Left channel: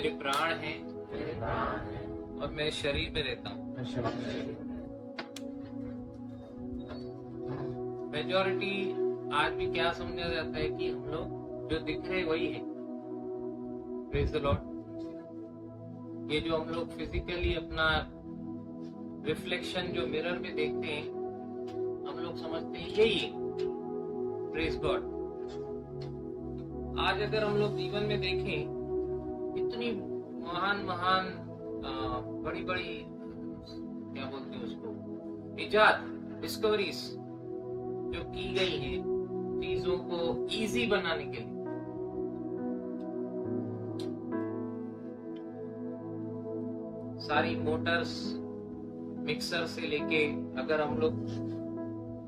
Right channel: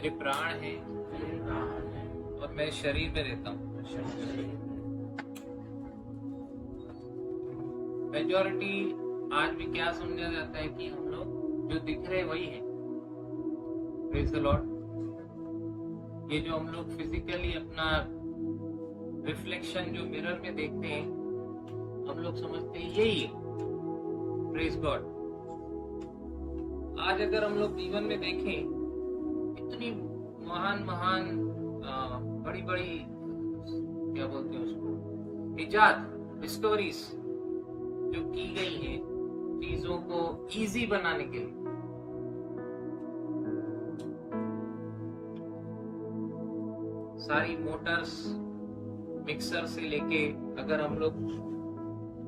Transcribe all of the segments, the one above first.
मेरे प्राण हैं और मैं शरीर में रहता हूँ। मेजॉरिटी आज भी क्या समझा जाता है कि हम लोग जो दिख रहे वही है। Praise the Lord. ये जो हम लोग फिजिकली अपना रिफ्लेक्शन जो मिरर में देखते हैं, हम लोग समझते हैं यही है। Praise God. आज अगर हम लोग जीवन में देखें, इतनी महान महान बड़ी बड़ी क्या बोलते हैं उसको, इजाद, डिस्कवरीज जो की गई हैं चीजों को इजी बनाने के लिए। सारी मोटर्स, मिक्सर से लेके अगर हम लोग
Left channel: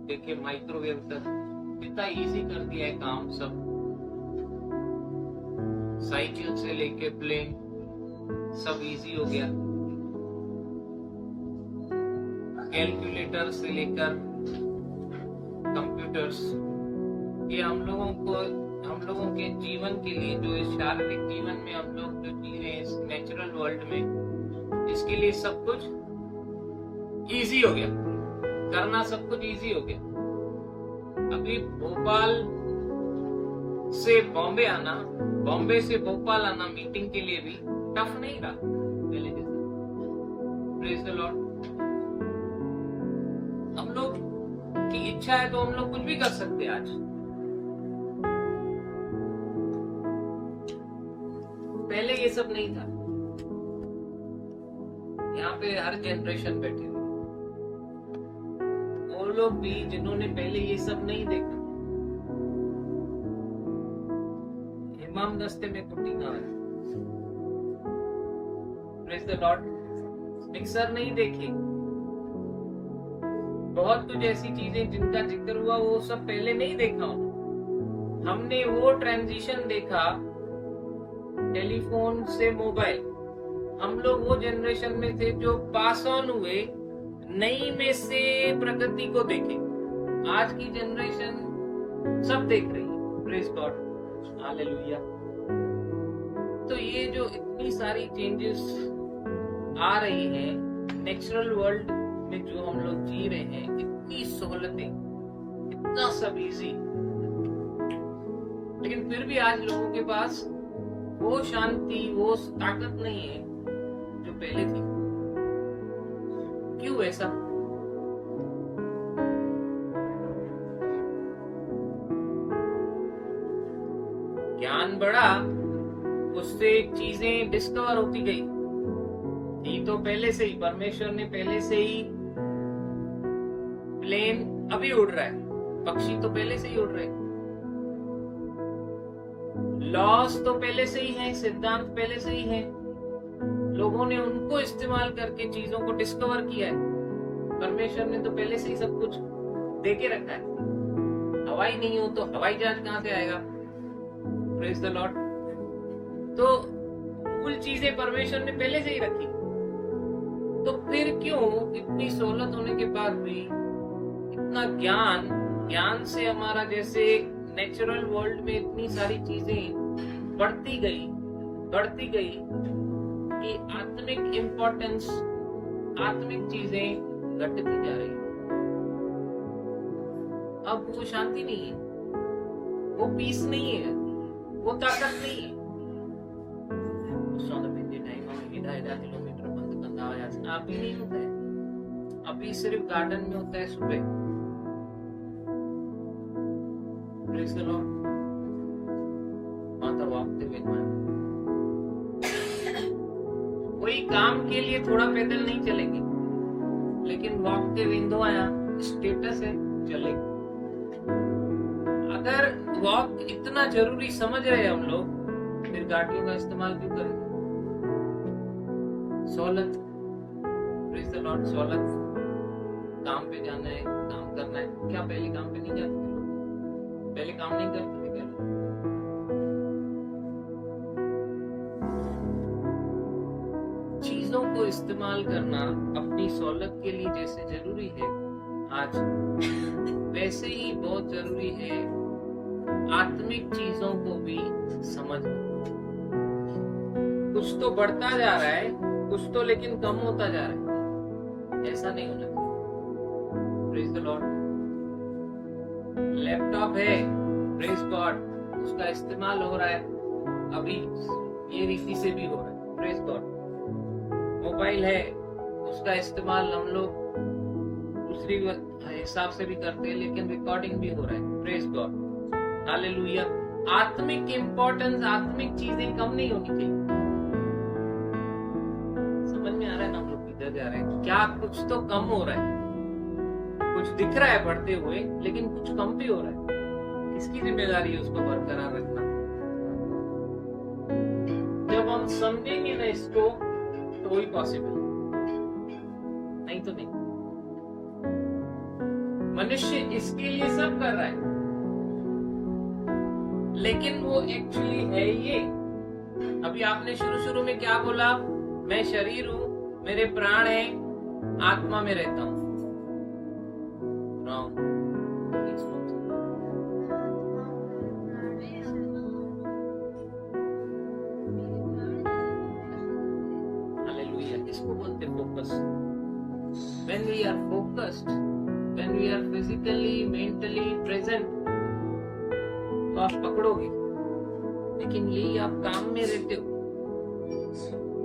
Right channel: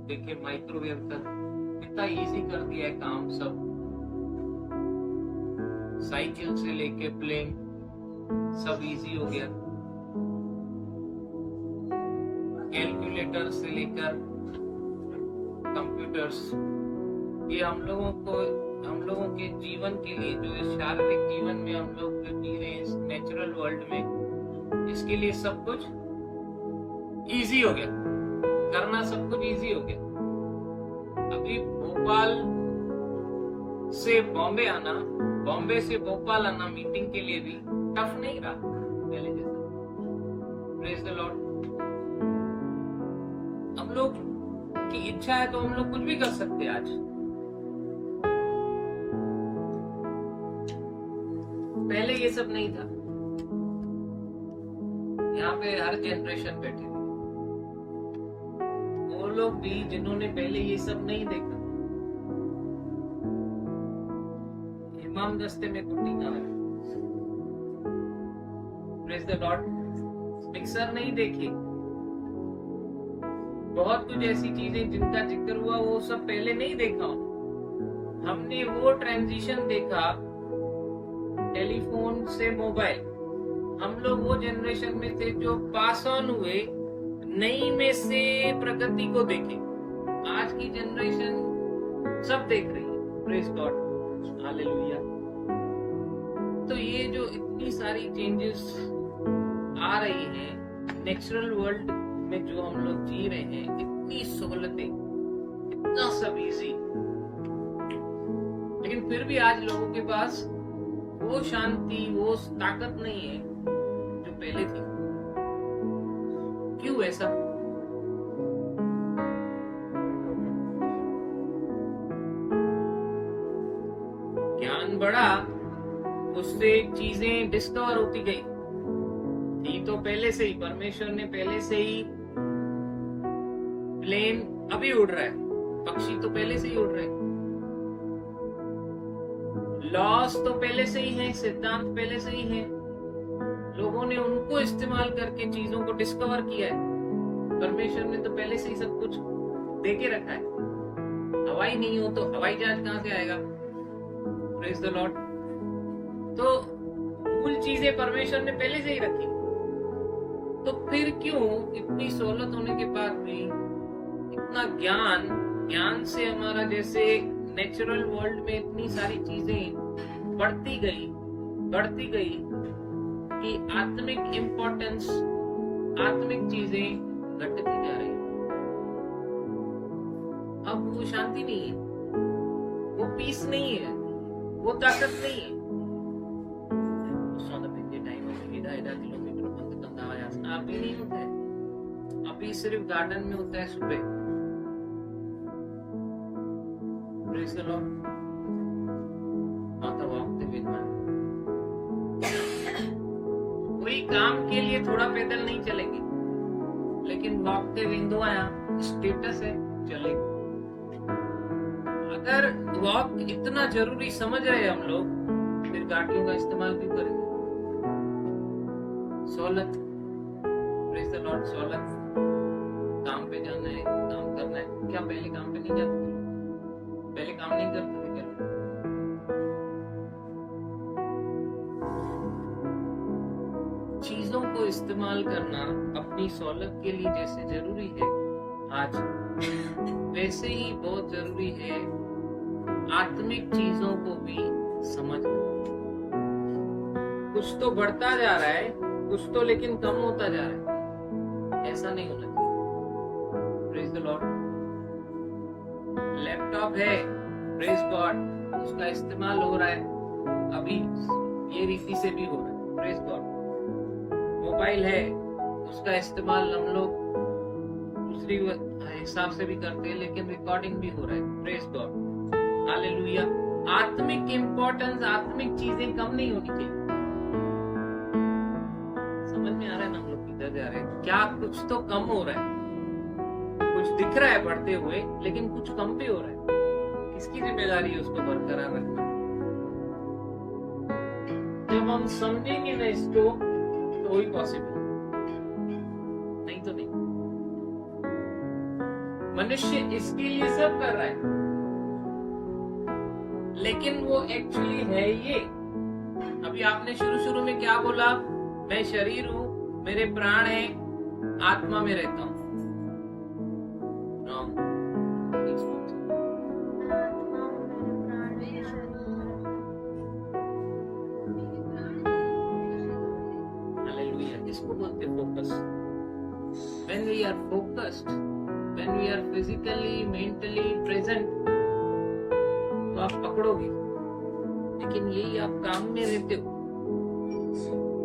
देखें माइक्रोवेव तक, कितना इजी कर दिया है काम सब। साइकिल से लेके प्लेन सब इजी हो गया। कैलकुलेटर से लेकर कंप्यूटर्स, ये हम लोगों के जीवन के लिए, जो इस शारीरिक जीवन में हम लोग जो जी रहे हैं इस नेचुरल वर्ल्ड में, इसके लिए सब कुछ इजी हो गया। करना सब कुछ इजी हो गया। अभी भोपाल से बॉम्बे आना, बॉम्बे से भोपाल आना मीटिंग के लिए भी टफ नहीं रहा पहले जैसा। Praise the Lord. हम लोग की इच्छा है तो हम लोग कुछ भी कर सकते हैं आज। पहले ये सब नहीं था। यहाँ पे हर जनरेशन बैठे हुए, वो लोग भी जिन्होंने पहले ये सब नहीं देखा। इमाम दस्ते में कुट्टी ना है। Praise the Lord. मिक्सर नहीं देखी, बहुत कुछ ऐसी चीजें जिनका जिक्र हुआ वो सब पहले नहीं देखा। हमने वो ट्रांजिशन देखा टेलीफोन से मोबाइल। हम लोग वो जनरेशन में थे जो पास ऑन हुए, नई में से प्रगति को देखे। आज की जनरेशन सब देख रही है। Praise God, hallelujah. तो ये जो इतनी सारी चेंजेस आ रही हैं नेचुरल वर्ल्ड में, जो हम लोग जी रहे हैं, इतनी सहूलतें, इतना सब इजी, लेकिन फिर भी आज लोगों के पास वो शांति, वो ताकत नहीं है जो पहले थी। क्यों ऐसा? ज्ञान बढ़ा, उससे चीजें डिस्कवर होती गई। थी तो पहले से ही, परमेश्वर ने पहले से ही, प्लेन अभी उड़ रहा है, पक्षी तो पहले से ही उड़ रहे हैं, लॉस तो पहले से ही है, सिद्धांत पहले से ही है। लोगों ने उनको इस्तेमाल करके चीजों को डिस्कवर किया है। परमेश्वर ने तो पहले से ही सब कुछ दे के रखा है। हवाई नहीं हो तो हवाई जहाज कहां से आएगा? Praise the Lord. तो कुल चीजें परमेश्वर ने पहले से ही रखी। तो फिर क्यों इतनी सहूलत होने के बाद भी इतना ज्ञान से हमारा, जैसे नेचुरल वर्ल्ड में इतनी सारी चीजें बढ़ती गई कि आत्मिक इंपॉर्टेंस, आत्मिक चीजें घटती जा रही। अब वो शांति नहीं है, वो पीस नहीं है, वो ताकत नहीं है। टाइम में एडा किलोमीटर बंद कंदा आया, अभी नहीं होता है। अभी सिर्फ गार्डन में होता है सुबह। Praise the Lord. माता वॉकते विद मैन। कोई काम के लिए थोड़ा पैदल नहीं चलेंगे, लेकिन वॉकते विंदो आया स्टेटस है, चलेगी। अगर वॉक इतना जरूरी समझ रहे हम लोग, फिर गाड़ियों का इस्तेमाल क्यों करेंगे? सहूलत। Praise the Lord. सहूलत। काम पे जाना है, काम करना है। क्या पहले काम पे नहीं जाते थे लोग? पहले काम नहीं करते थे क्या लोग? चीजों को इस्तेमाल करना अपनी सहूलत के लिए जैसे जरूरी है आज, वैसे ही बहुत जरूरी है आत्मिक चीजों को भी समझना। कुछ तो बढ़ता जा रहा है, कुछ तो लेकिन कम होता जा रहा है। ऐसा नहीं होना चाहिए। Praise the Lord. लैपटॉप है, प्रेज गॉड, उसका इस्तेमाल हो रहा है, अभी ये रीति से भी हो रहा है, प्रेज गॉड। मोबाइल है, उसका इस्तेमाल हम लोग दूसरी हिसाब से भी करते हैं, लेकिन रिकॉर्डिंग भी हो रहा है, प्रेज गॉड, हालेलुया। आत्मिक इंपॉर्टेंस, आत्मिक चीजें कम नहीं होनी चाहिए। समझ में आ रहा है ना हम लोग किधर जा रहे हैं? क्या कुछ तो कम हो रहा है, कुछ दिख रहा है बढ़ते हुए, लेकिन कुछ कम भी हो रहा है। किसकी जिम्मेदारी है उसको बरकरार रखना? जब हम समझेंगे ना इसको, तो वही पॉसिबल, नहीं तो नहीं। मनुष्य इसके लिए सब कर रहा है, लेकिन वो एक्चुअली है ये। अभी आपने शुरू में क्या बोला? मैं शरीर हूं, मेरे प्राण है, आत्मा में रहता हूं। रॉन्ग। हालेलुया। इसको बोलते focus. When we are focused, when we are physically, mentally present, तो आप पकड़ोगे। लेकिन यही आप काम में रहते हो,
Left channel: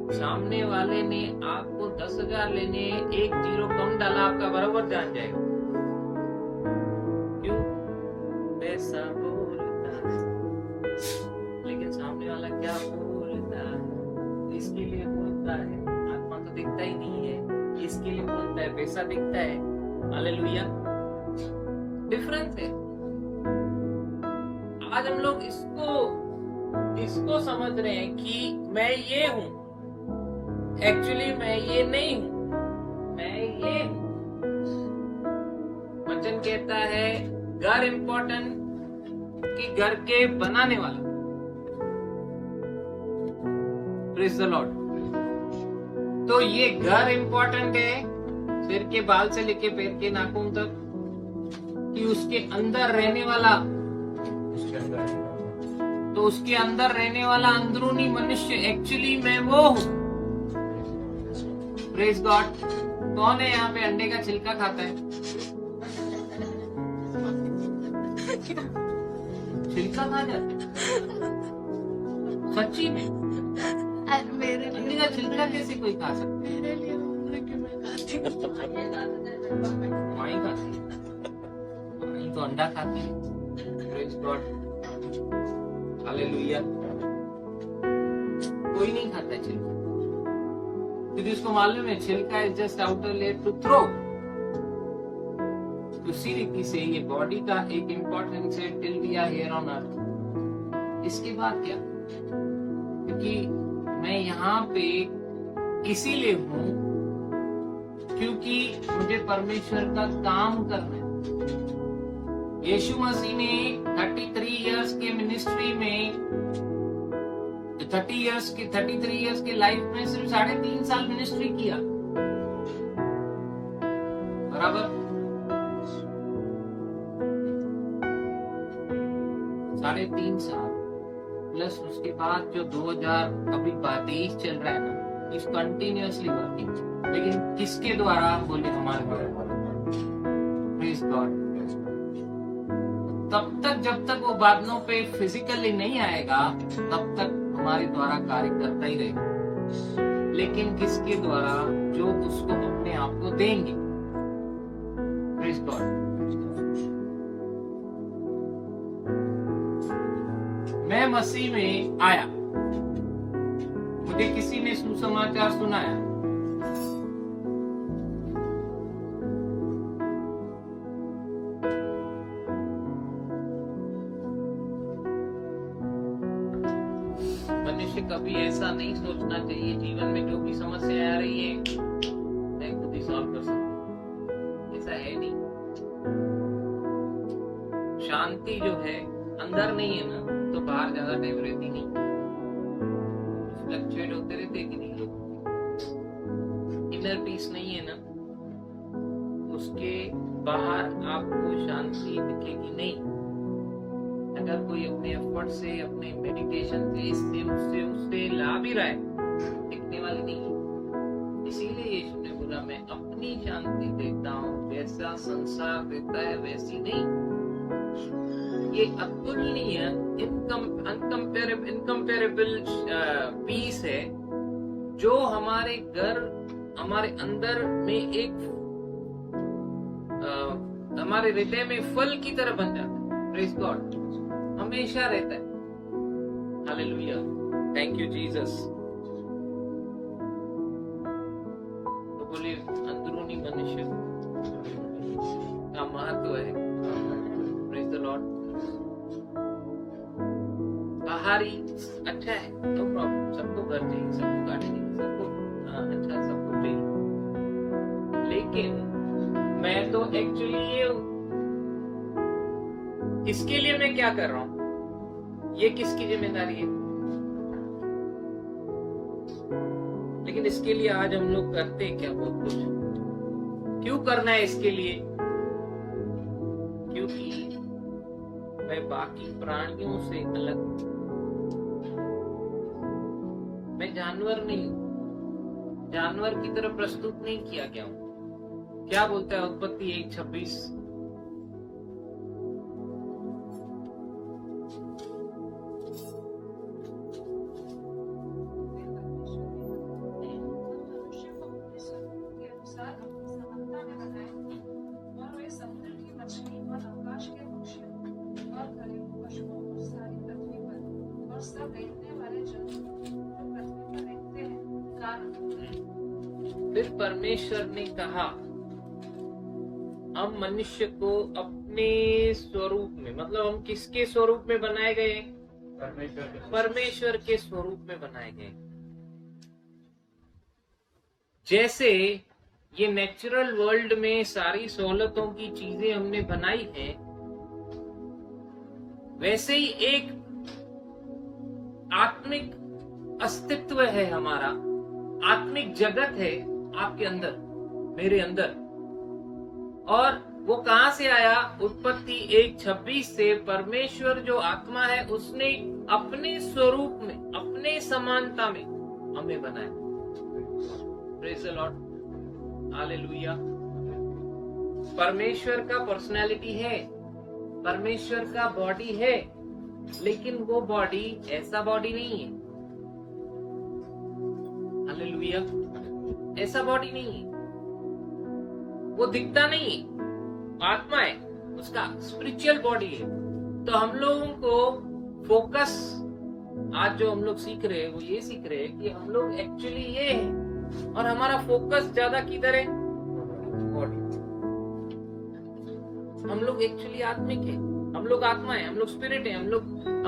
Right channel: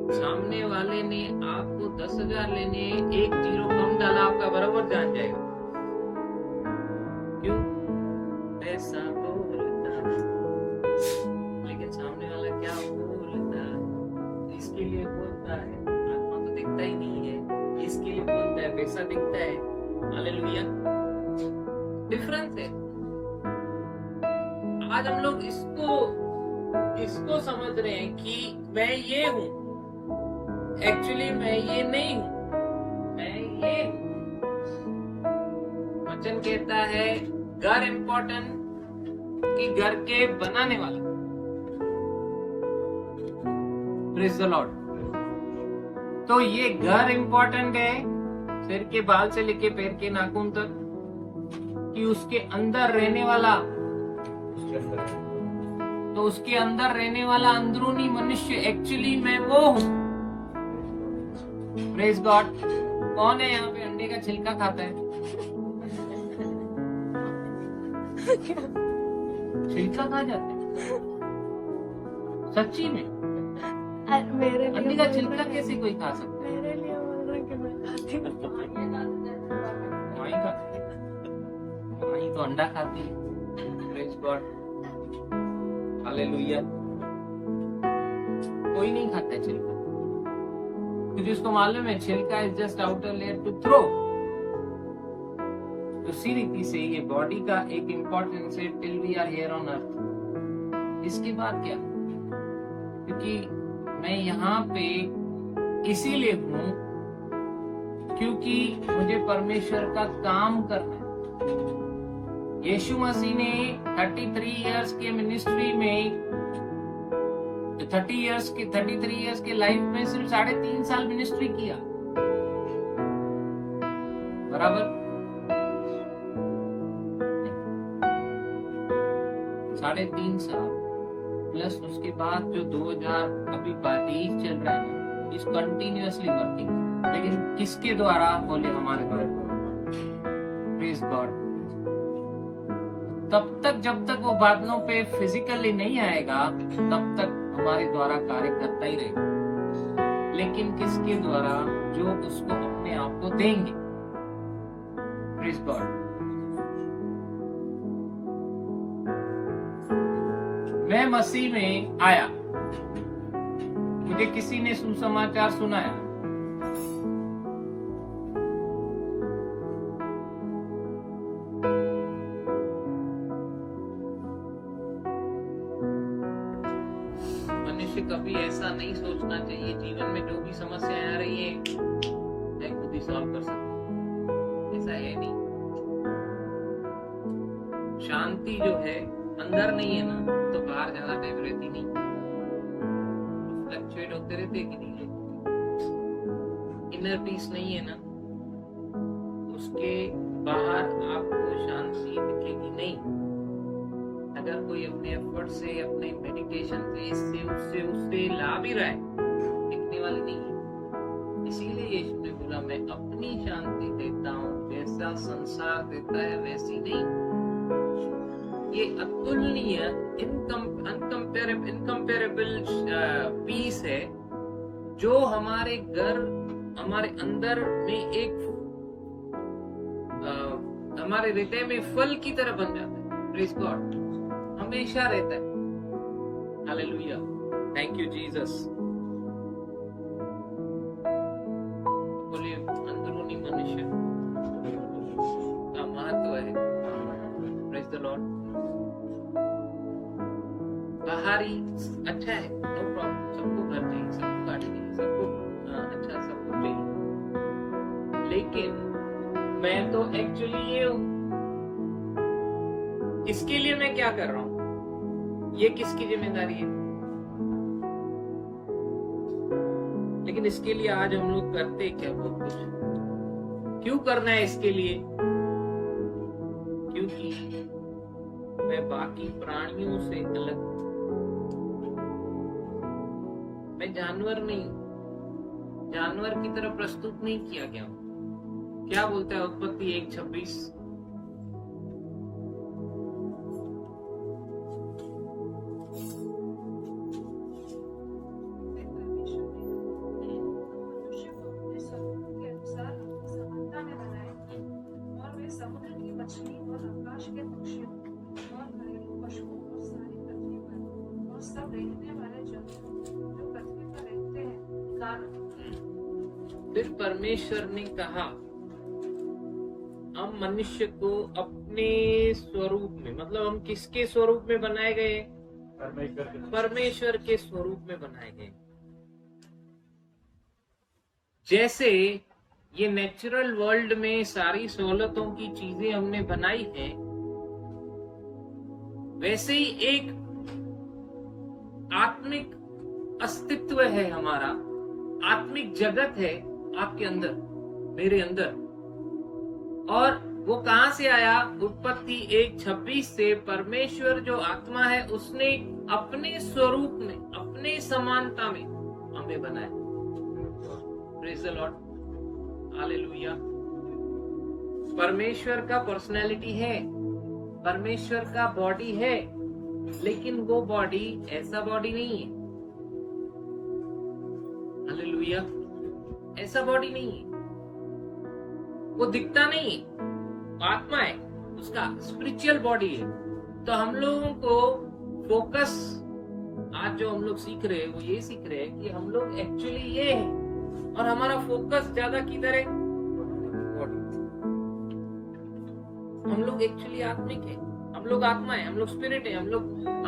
सामने वाले ने आपको 10,000 लेने, 1 जीरो कम डाला, आपका बराबर जान जाएगा। क्यों? पैसा बोलता है, लेकिन सामने वाला क्या बोलता है, इसके लिए बोलता है। आत्मा तो दिखता ही नहीं है, इसके लिए बोलता है, पैसा दिखता है। हालेलुया। डिफरेंस है। आज हम लोग इसको समझ रहे हैं कि मैं ये हूं, एक्चुअली मैं ये नहीं हूं, मैं ये हूं। वचन कहता है घर इम्पोर्टेंट कि घर के बनाने वाला। Praise the Lord. तो ये घर इम्पोर्टेंट है, सिर के बाल से लेके पैर के नाखून तक, कि उसके अंदर रहने वाला, तो उसके अंदर रहने वाला अंदरूनी मनुष्य एक्चुअली मैं वो हूं। Praise God. कौन है यहाँ पे अंडे का छिलका खाता है? छिलका खा जाता है सच्ची में? अंडे का छिलका कैसे कोई खा सकता है? माई खाती है, माई तो अंडा खाती है। Praise God. हालेलुया। कोई नहीं खाता है छिलका, क्योंकि उसको मालूम है छिलका is just outer layer to throw. उसी रीति से ये बॉडी का एक इम्पोर्टेंस है till we are here on earth. इसके बाद क्या? क्योंकि मैं यहाँ पे इसीलिए हूं क्योंकि मुझे परमेश्वर का काम करना है। यीशु मसीह ने 33 इयर्स के मिनिस्ट्री में, 33 इयर्स के लाइफ में सिर्फ 3.5 साल मिनिस्ट्री किया, बराबर? 3.5 साल प्लस उसके बाद जो 2023 चल रहा है ना, इस कंटिन्यूअसली वर्किंग। लेकिन किसके द्वारा? बोले हमारे द्वारा। Praise God. तब तक जब तक वो बादलों पे फिजिकली नहीं आएगा, तब तक हमारे द्वारा कार्य करता ही रहेगा। लेकिन किसके द्वारा? जो उसको अपने आप को देंगे। Praise God. मैं मसीह में आया, मुझे किसी ने सुसमाचार सुनाया, मनुष्य कभी ऐसा नहीं सोचना चाहिए जीवन में जो भी समस्याएं आ रही हैं मैं खुद ही सॉल्व कर सकता हूं। ऐसा है नहीं। शांति जो है अंदर नहीं है ना, तो बाहर ज्यादा टाइम रहती नहीं, फ्लक्चुएट होते रहते कि नहीं लोग। इनर पीस नहीं है ना, उसके बाहर आपको शांति दिखेगी नहीं। अगर कोई अपने एफर्ट से, अपने मेडिटेशन से, इससे उससे ला भी रहा है, रहने वाली नहीं है। इसीलिए यीशु ने बोला मैं अपनी शांति देता हूँ, जैसा संसार देता है वैसी नहीं। ये अतुलनीय इनकम्पेरेबल पीस है जो हमारे हमारे अंदर में एक हमारे हृदय में फल की तरह बन जाता है। प्रेज गॉड, हमेशा रहता है। Hallelujah, thank you Jesus. तो बोलिए अंदरूनी मनुष्य का महत्व है। Praise the Lord. बाहरी अच्छा है, नो प्रॉब्लम, सबको घर चाहिए, सबको गाड़ी चाहिए, सबको अच्छा सब कुछ चाहिए, लेकिन मैं तो एक्चुअली ये हूं, इसके लिए मैं क्या कर रहा हूं, ये किसकी जिम्मेदारी है? लेकिन इसके लिए आज हम लोग करते क्या बहुत कुछ। क्यों करना है इसके लिए? क्योंकि मैं बाकी प्राणियों से अलग हूं, मैं जानवर नहीं हूं, जानवर की तरह प्रस्तुत नहीं किया गया हूं। क्या बोलता है उत्पत्ति 1:26? समुद्र की मछली और आकाश के पक्षियों और घरेलू पशुओं और सारी पृथ्वी पर और सब रेंगने वाले जंतु जो पृथ्वी पर रहते हैं कारण। फिर परमेश्वर ने कहा हम मनुष्य को अपने स्वरूप में, मतलब हम किसके स्वरूप में बनाए गए? परमेश्वर के स्वरूप में बनाए गए। जैसे ये नेचुरल वर्ल्ड में सारी सहूलतों की चीजें हमने बनाई हैं, वैसे ही एक आत्मिक अस्तित्व है हमारा, आत्मिक जगत है आपके अंदर, मेरे अंदर। और वो कहां से आया? उत्पत्ति 1:26 से। परमेश्वर जो आत्मा है उसने अपने स्वरूप में, अपने समानता में हमें बनाया। Praise the Lord, hallelujah. परमेश्वर का पर्सनैलिटी है, परमेश्वर का बॉडी है, लेकिन वो बॉडी ऐसा बॉडी नहीं है। हालेलुया, ऐसा बॉडी नहीं है, वो दिखता नहीं है, आत्मा है, उसका स्पिरिचुअल बॉडी है। तो हम लोगों को फोकस, आज जो हम लोग सीख रहे हैं वो ये सीख रहे हैं कि हम लोग एक्चुअली ये है, और हमारा फोकस ज्यादा किधर है? बॉडी। हम लोग एक्चुअली आत्मिक है, हम लोग आत्मा है, हम लोग स्पिरिट है, हम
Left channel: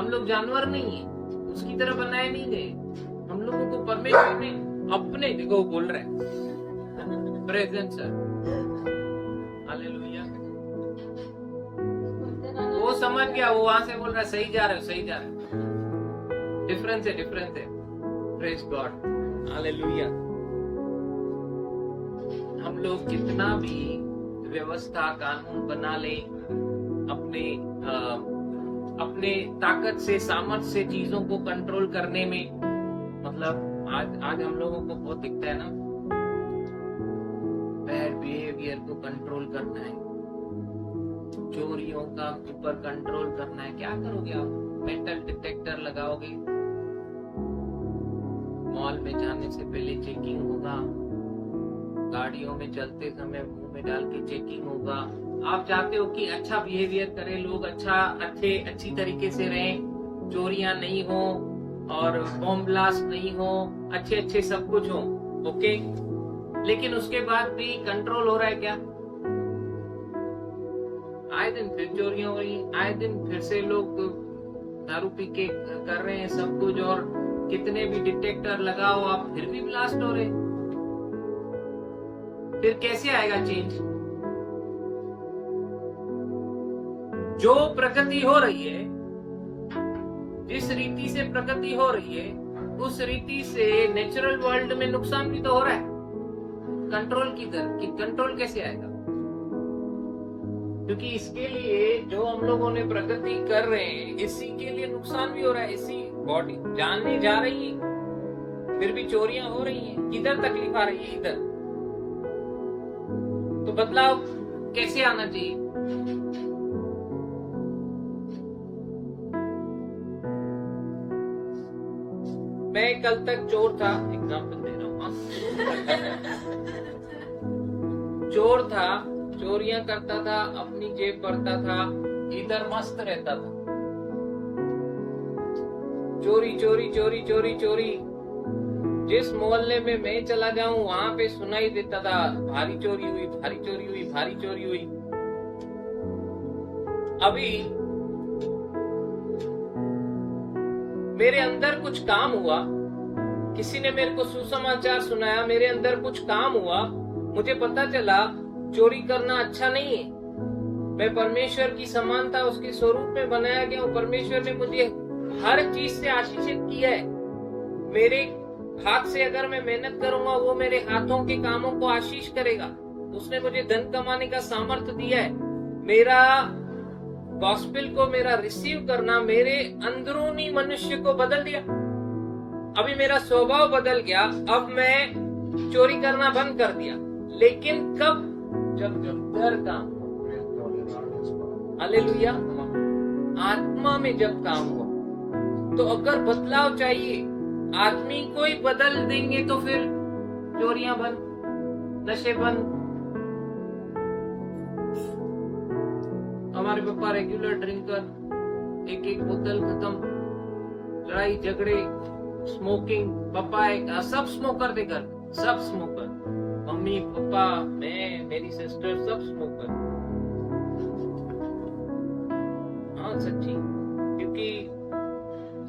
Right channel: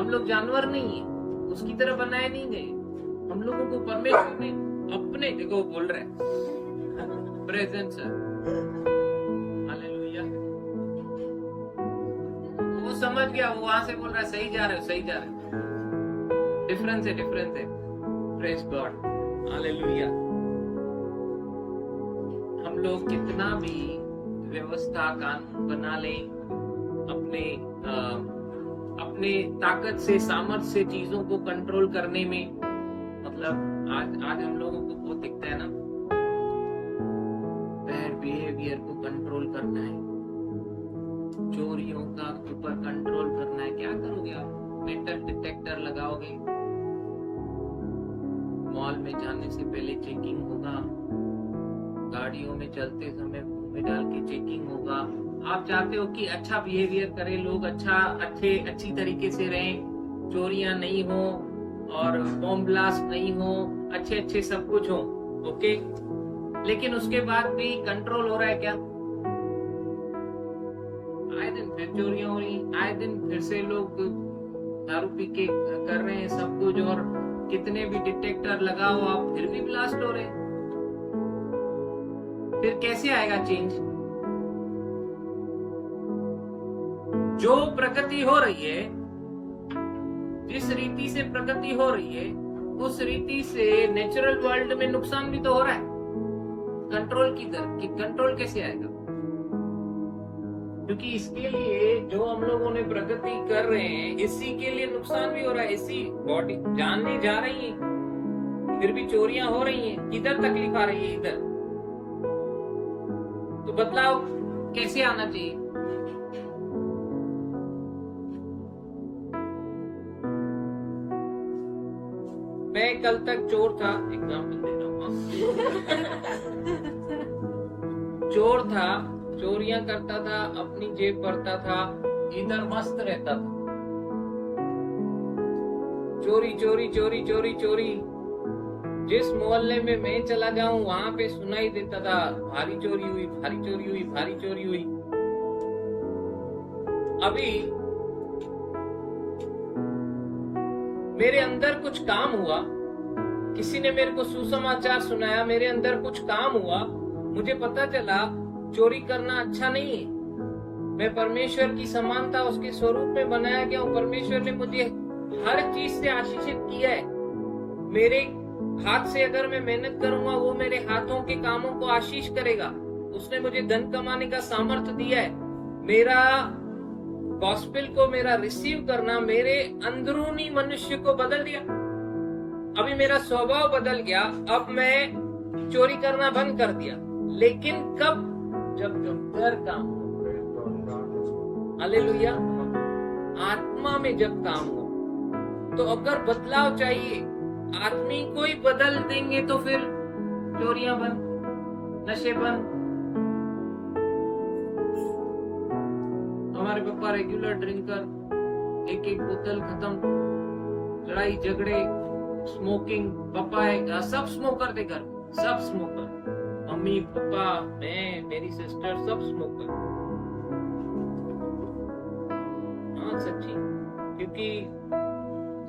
लोग जानवर नहीं है, उसकी तरह बनाए नहीं गए। हम लोगों को परमेश्वर ने अपने, देखो वो बोल रहा है प्रेजेंस है, हालेलुया। वो समझ गया, वो वहां से बोल रहा है सही जा रहे हो, सही जा रहे हो। डिफरेंस है, डिफरेंस है। Praise God, hallelujah. हम लोग कितना भी व्यवस्था कानून बना लें, अपने ताकत से, सामर्थ्य से चीजों को कंट्रोल करने में, मतलब आज हम लोगों को बहुत दिखता है ना, बैड बिहेवियर को कंट्रोल करना है, चोरियों का ऊपर कंट्रोल करना है। क्या करोगे आप? मेटल डिटेक्टर लगाओगे, मॉल में जाने से पहले चेकिंग होगा, गाड़ियों में चलते समय मुंह में डाल के चेकिंग होगा। आप चाहते हो कि अच्छा बिहेवियर करे लोग, अच्छी तरीके से रहें, चोरियां नहीं हो और बॉम्ब ब्लास्ट नहीं हो, अच्छे सब कुछ हो, ओके। लेकिन उसके बाद भी कंट्रोल हो रहा है क्या? आए दिन फिर चोरियां हो रही, आए दिन फिर से लोग दारू पी के कर रहे हैं सब कुछ, और कितने भी डिटेक्टर लगाओ आप फिर भी ब्लास्ट हो रहे हैं। फिर कैसे आएगा चेंज? जो प्रगति हो रही है, जिस रीति से प्रगति हो रही है, उस रीति से नेचुरल वर्ल्ड में नुकसान भी तो हो रहा है। कंट्रोल किधर? कि कंट्रोल कैसे आएगा? क्योंकि इसके लिए जो हम लोगों ने प्रगति कर रहे हैं, इसी के लिए नुकसान भी हो रहा है। इसी बॉडी जाने जा रही है, फिर भी चोरियां हो रही हैं। किधर तकलीफ आ रही है? इधर। तो बदलाव कैसे आना चाहिए? मैं कल तक चोर था, एग्जाम्पल दे रहा हूँ, चोर था, चोरियां करता था, अपनी जेब भरता था, इधर मस्त रहता था। चोरी चोरी चोरी चोरी चोरी। जिस मोहल्ले में मैं चला जाऊं वहां पे सुनाई देता था, भारी चोरी हुई, भारी चोरी हुई, भारी चोरी हुई। अभी मेरे अंदर कुछ काम हुआ, किसी ने मेरे को सुसमाचार सुनाया, मेरे अंदर कुछ काम हुआ, मुझे पता चला चोरी करना अच्छा नहीं है। मैं परमेश्वर की समानता, उसके स्वरूप में बनाया गया हूँ। परमेश्वर ने मुझे हर चीज से आशीषित किया है। मेरे हाथ से अगर मैं मेहनत करूंगा, वो मेरे हाथों के कामों को आशीष करेगा। उसने मुझे धन कमाने का सामर्थ्य दिया है। मेरा गॉस्पेल को, मेरा रिसीव करना मेरे अंदरूनी मनुष्य को बदल दिया। अभी मेरा स्वभाव बदल गया। अब मैं चोरी करना बंद कर दिया। लेकिन कब? जब डर काम हुआ। हालेलुया। आत्मा में जब काम हुआ। तो अगर बदलाव चाहिए, आदमी को ही बदल देंगे तो फिर चोरियां बंद, नशे बंद। हमारे पापा रेगुलर ड्रिंकर, एक एक बोतल खत्म, लड़ाई झगड़े, स्मोकिंग। पापा है, सब स्मोकर थे घर, सब स्मोकर। मम्मी, पापा, मैं, मेरी सिस्टर, सब स्मोकर। हाँ सच्ची, क्योंकि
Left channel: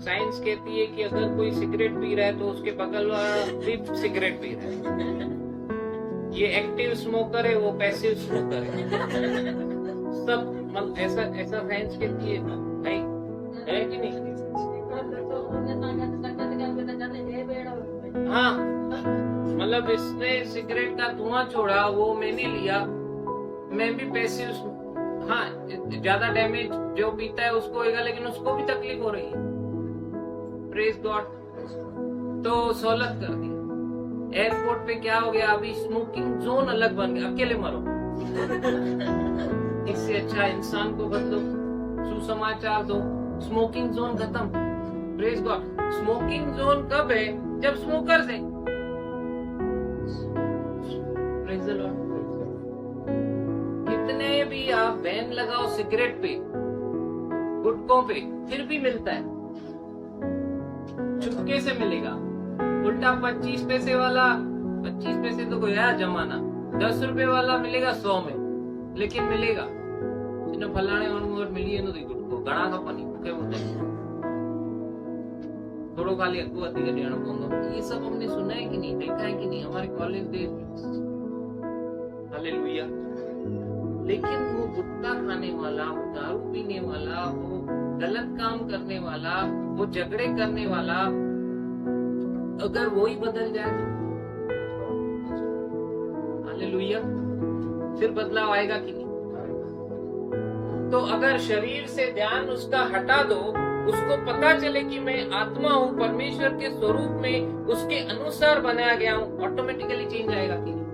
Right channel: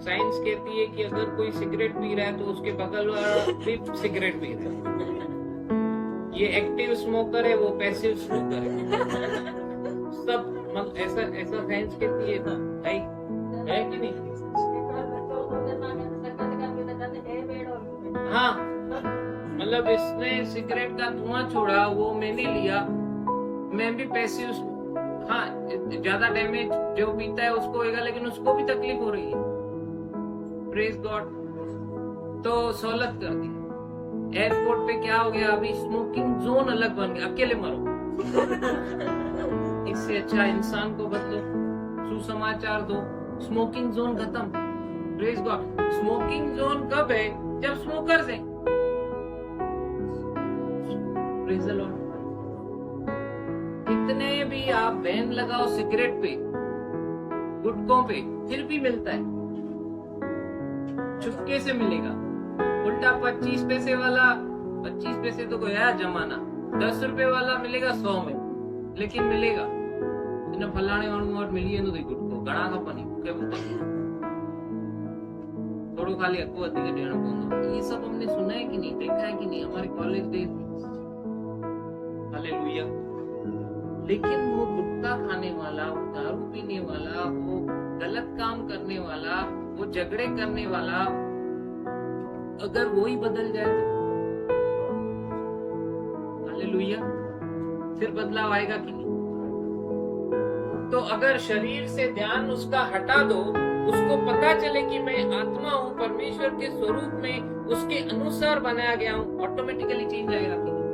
साइंस कहती है कि अगर कोई सिगरेट पी रहा है तो उसके बगल वाला भी सिगरेट पी रहा है। ये एक्टिव स्मोकर है, वो पैसिव स्मोकर है। सब ऐसा ऐसा साइंस कहती है भाई, है कि नहीं? हाँ, मतलब इसने सिगरेट का धुआं छोड़ा, वो मैंने लिया, मैं भी पैसिव। हाँ, ज्यादा डैमेज जो पीता है उसको होगा, लेकिन उसको भी तकलीफ हो रही है। Praise God. तो सहूलत कर दी। एयरपोर्ट पे क्या हो गया, अभी स्मोकिंग जोन अलग बन गया, अकेले मरो। इससे अच्छा इंसान को बदलो, सुसमाचार दो, स्मोकिंग जोन खत्म। Praise God. स्मोकिंग जोन कब है? जब स्मोकर्स है। Praise the Lord. कितने भी आप बैन लगाओ सिगरेट पे, गुटकों पे, फिर भी मिलता है, चुपके से मिलेगा। उल्टा 25 पैसे वाला, 25 पैसे तो कोई आया जमाना, 10 रुपए वाला मिलेगा 100 में, लेकिन मिलेगा। फलाने और मिली है गुटको घना खपनी भूखे बोलते थोड़ो खाली अगो अधिक देना पड़ेगा। ये सब हमने सुना है कि नहीं, देखा है कि नहीं हमारे कॉलेज डेज में? हालेलुया। लेकिन वो गुटखा खाने वाला, वो दारू पीने वाला, वो गलत काम करने वाला, वो झगड़े करने वाला, अगर वो ही बदल जाए तो हालेलुया, फिर बदलाव आएगा कि नहीं? तो अगर शरीर से ध्यान उसका हटा दो, उसको पता चले कि मैं आत्मा हूँ, परमेश्वर के स्वरूप में उसके अनुसार बनाया गया हूँ, ऑटोमेटिकली चेंज आएगा कि नहीं?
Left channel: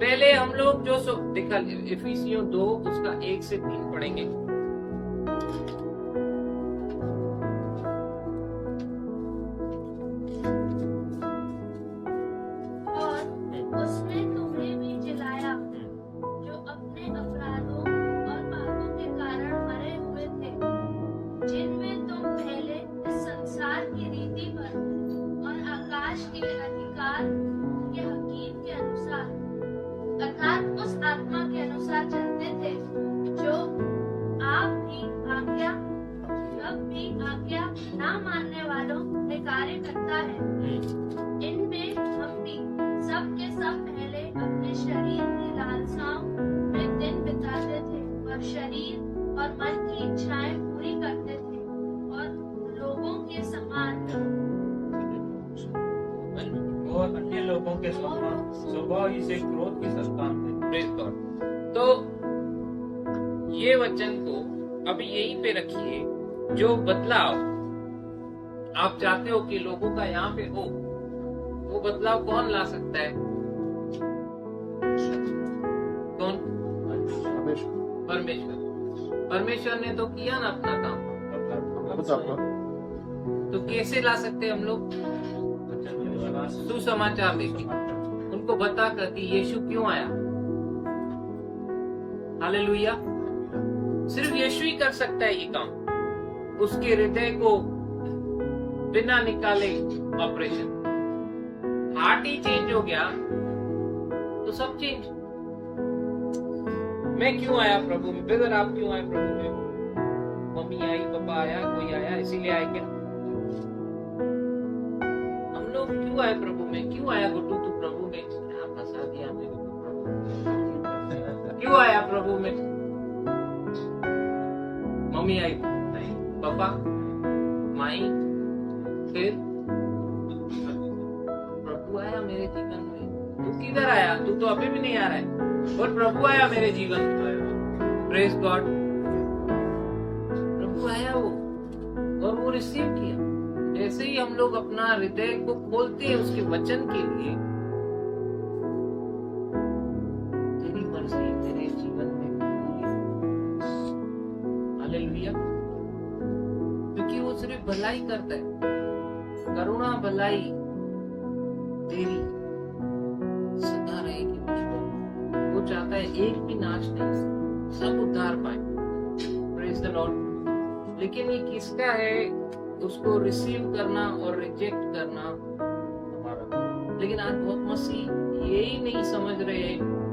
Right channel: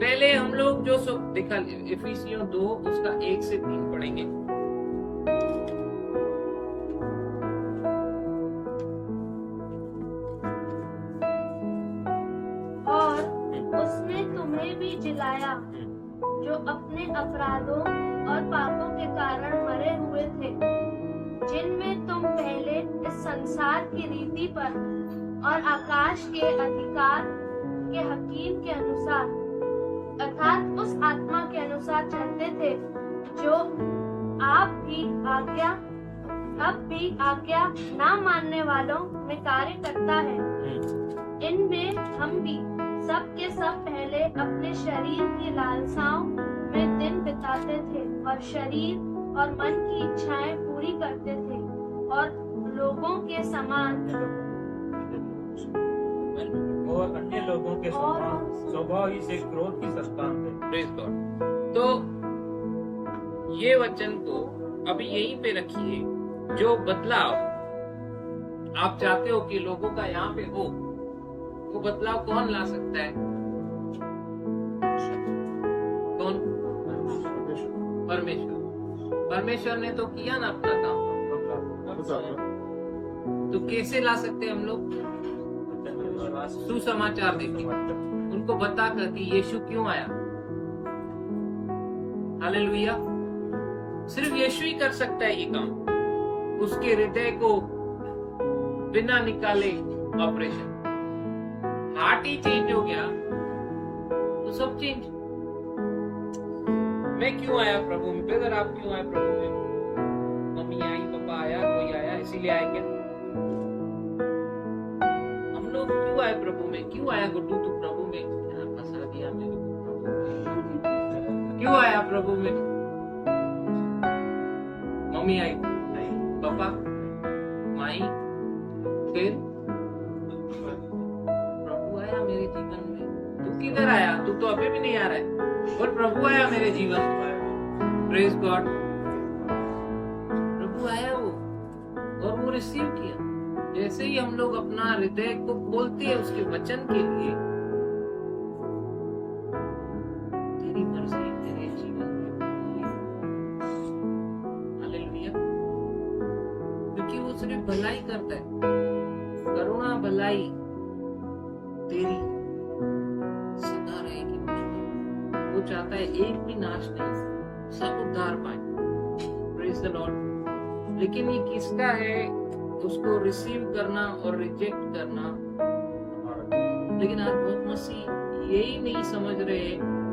पहले हम लोग जो देखा, इफिसियों 2 उसका 1 से 3 पढ़ेंगे। और उसने तुम्हें भी जिलाया जो अपने अपराधों और पापों के कारण मरे हुए थे, जिनमें तुम पहले इस संसार की रीति पर और आकाश के अधिकार के हकीम के अनुसार, अर्थात उस आत्मा के अनुसार चलते थे जो अब भी आज्ञा ना मानने वालों में कार्य करता है। इनमें हम भी सब के सब पहले अपने शरीर की लालसाओं में दिन बिताते थे और शरीर और मन की इच्छाएं पूरी करते थे और लोगों के समान और अन्य लोगों के समान स्वभाव ही से क्रोध की संतान थे। Praise God. तो ये वचन को अभी यहीं पे रखिए। जो बदलाव आप चाहते हो कि लोगों का यहाँ पे हो, वो बदलाव कौन ला सकता है? कौन? परमेश्वर। परमेश्वर ने तो किया ना अपना काम, तो कैसे ला सकते हम लोग? सुसमाचार देके उनको बताकर कि यीशु क्यों आया। हालेलुया। सिर्फ यीशु ही कर सकता है ये काम। उसके हृदय को बिना निकाले ऑपरेशन, हार्ट ही चेंज हो गया तो सब चेंज। मैं क्यों आया प्रभु में? ब्रदर आप क्यों आए प्रभु में? मम्मी आई, पापा आया, कोई आया, इसीलिए आए क्या? हम लोग क्यों आए प्रभु में? क्यों आया गुड्डू तू प्रभु में? क्या फंसा दिया मेरे को प्रभु में? क्यों आया प्रभु में? मम्मी आई, पापा, माई, फिर प्रभु आया मेरे जीवन में। तू किधर आया? तू तो अभी भी नहीं आ रहा है, और प्रभु आया मेरे जीवन में। Praise God. प्रभु आया वो, और वो रिसीव किया। जैसे ही हम लोग अपना हृदय को खोलते हैं उसके वचन के लिए, तेरी मर्जी मेरे जीवन में पूरी। हालेलुया। क्योंकि वो सिर्फ भलाई करता है, करुणा भलाई तेरी सदा रहेगी मुझ पर। वो चाहता है एक भी नाश नहीं, सब उद्धार पाए। Praise the Lord. लेकिन ये किसका है? उसको रिसीव करना और रिजेक्ट करना। लेकिन आज बहुत मसीह यही नहीं समझ रहे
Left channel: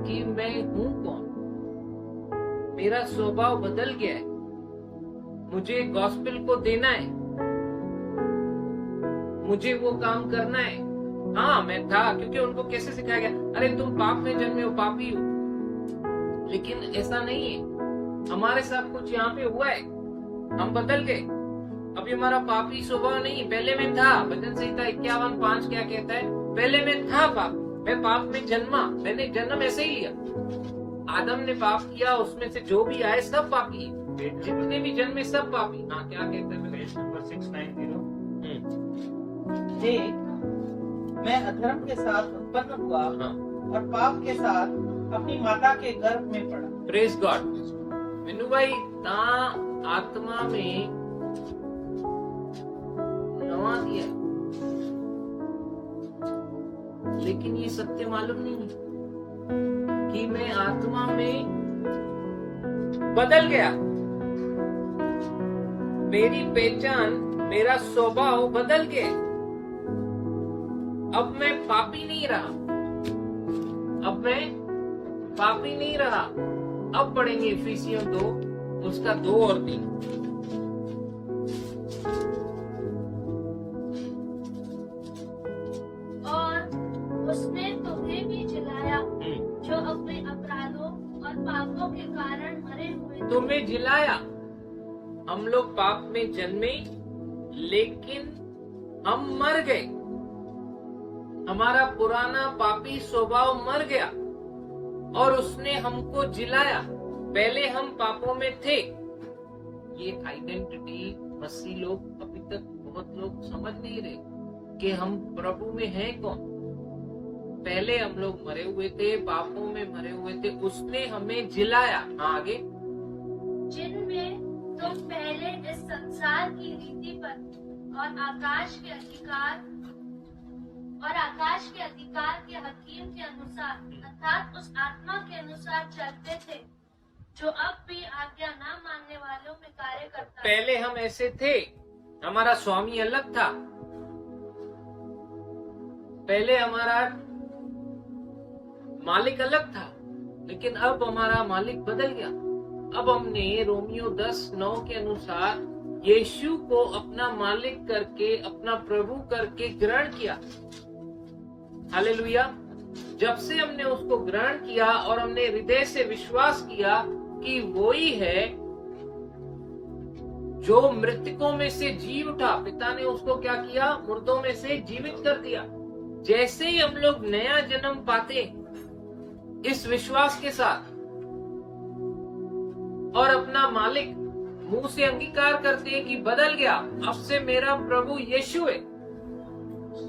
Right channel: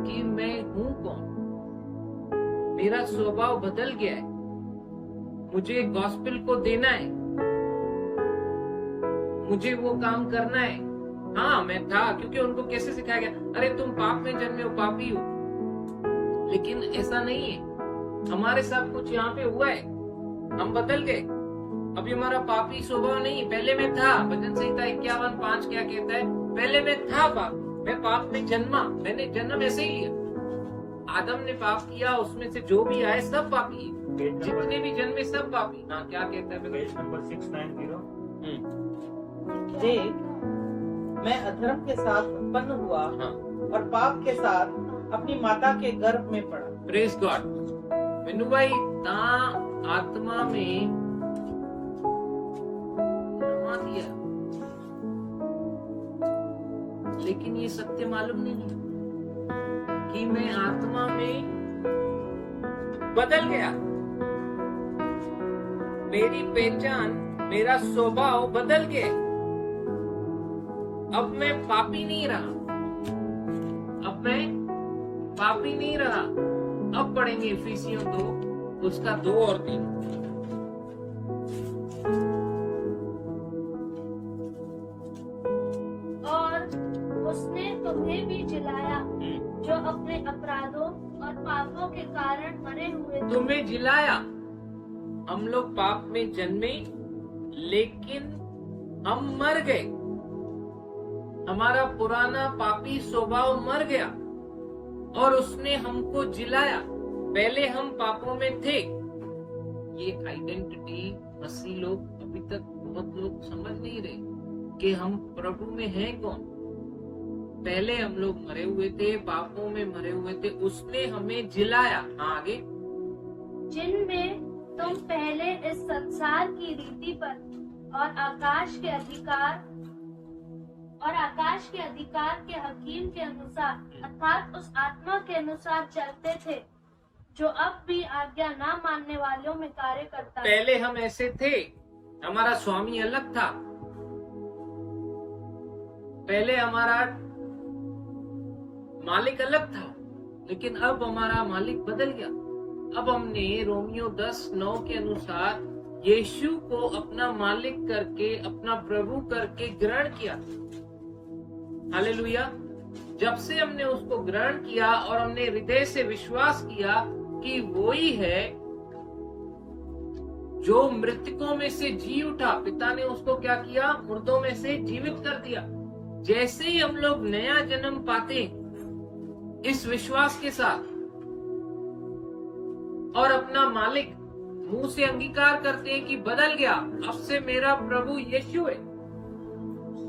कि मैं हूं कौन। मेरा स्वभाव बदल गया है, मुझे गॉस्पेल को देना है, मुझे वो काम करना है। हाँ मैं था, क्योंकि उनको कैसे सिखाया गया, अरे तुम पाप में जन्मे हो, पापी हो। लेकिन ऐसा नहीं है। हमारे साथ कुछ यहाँ पे हुआ है, हम बदल गए। अभी हमारा पापी स्वभाव नहीं, पहले में था। भजन संहिता 51:5 क्या कहता है? पहले में था पाप, मैं पाप में जन्मा। मैंने जन्म ऐसे ही लिया। आदम ने पाप किया, उसमें से जो भी आए सब पापी है, जितने भी जन्मे सब पापी। हाँ क्या कहता है? Page number 690। देख, मैं अधर्म के साथ उत्पन्न हुआ, हाँ। और पाप के साथ अपनी माता के गर्भ में पड़ा। Praise God. विनू भाई ता आत्मा में नवा दिया, लेकिन ये सत्य मालूम नहीं है कि मैं आत्मा में बदल गया। मेरी पहचान, मेरा स्वभाव बदल गया। अब मैं पापी नहीं रहा, अब मैं पापी नहीं रहा। अब पढ़ेंगे इफिसियों 2 उसका 2 और 3। और उसने तुम्हें भी जिलाया जो अपने अपराधों और पापों के कारण मरे हुए थे। तुम्हें जिलाया। हम लोग पाप में जन्मे, लेकिन हम मर गए। हमारा पुराना पापी स्वभाव मर गया और उसने हमको जिलाया। पहले हम पापों में थे। ये आइडेंटिटी मसीह लोग अभी तक बहुत लोग समझ नहीं रहे कि हम प्रभु में हैं कौन। पहले हम लोग मरे हुए थे, पापों में मरे हुए थे, उसने हमें जिलाया। हाँ आगे। जिनमें तुम पहले इस संसार की रीति पर और आकाश के अधिकार के हकीम के अनुसार, अर्थात उस आत्मा के अनुसार चलते थे जो अब भी आज्ञा ना मानने वालों में कार्य करता है। पहले हम ऐसे थे, हमारा स्वामी अलग था। पहले हमारा मालिक अलग था, लेकिन अब हमारा मालिक बदल गया। अब हमने रोमियो 10:9 के अनुसार यीशु को अपना मालिक करके, अपना प्रभु करके ग्रहण किया। हालेलुया। जब से हमने उसको ग्रहण किया और हमने हृदय से विश्वास किया कि वो ही है जो मृतकों में से जी उठा, पिता ने उसको क्या किया? मुर्दों में से जीवित कर दिया। जैसे ही हम लोग नया जन्म पाते इस विश्वास के साथ और अपना मालिक मुंह से अंगीकार करते हैं कि बदल गया, अब से मेरा प्रभु यीशु है,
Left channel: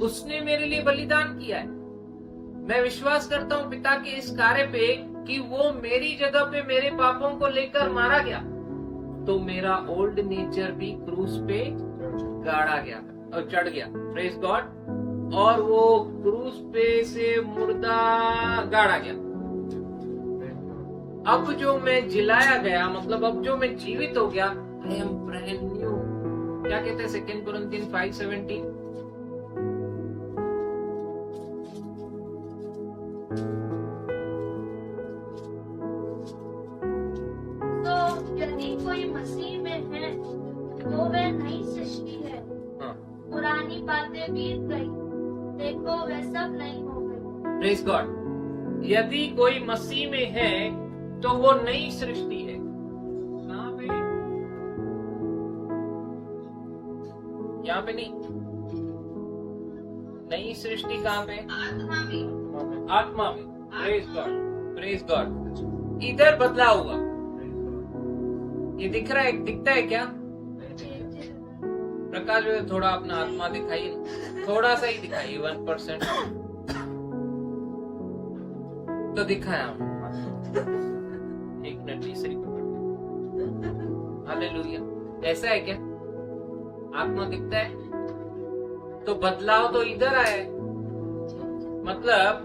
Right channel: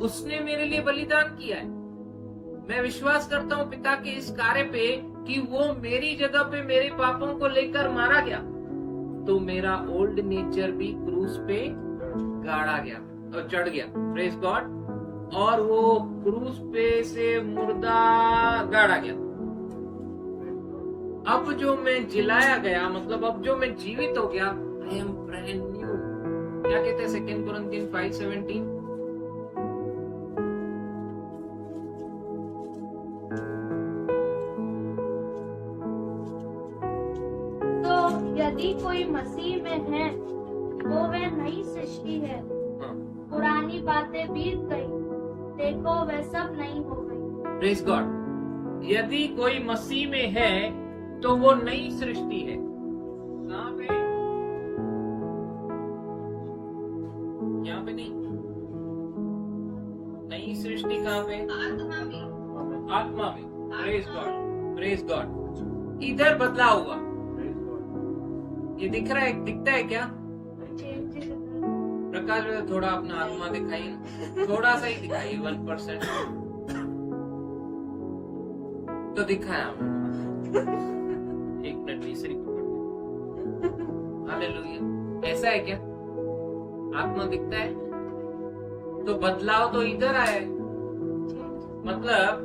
उसने मेरे लिए बलिदान किया है। मैं विश्वास करता हूँ पिता के इस कार्य पे कि वो मेरी जगह पे मेरे पापों को लेकर मारा गया, तो मेरा ओल्ड नेचर भी क्रूस पे गाड़ा गया और चढ़ गया, प्रेज गॉड। और वो क्रूस पे से मुर्दा गाड़ा गया। अब जो मैं जिलाया गया, मतलब अब जो मैं जीवित हो गया, आई एम ब्रांड न्यू। क्या कहते हैं 2 Corinthians 5:17? तो यदि कोई मसीह में है तो वह नई सृष्टि है, हाँ, पुरानी बातें बीत गई, देखो वह सब नई हो गई। Praise God. यदि कोई मसीह में है तो वो नई सृष्टि है। कहाँ पे? यहाँ पे नहीं, नई सृष्टि कहाँ पे? आत्मा में। Praise God, praise God. इधर बदलाव हुआ। ये दिख रहा है, दिखता है क्या? प्रकाश भाई थोड़ा अपना आत्मा दिखाइए, थोड़ा सा ही दिखाइए, 1%। तो दिखाया एक मिनट, तीसरी पकड़। हालेलुया। ऐसा है क्या? आत्मा दिखता है? तो बदलाव तो इधर आया है। मतलब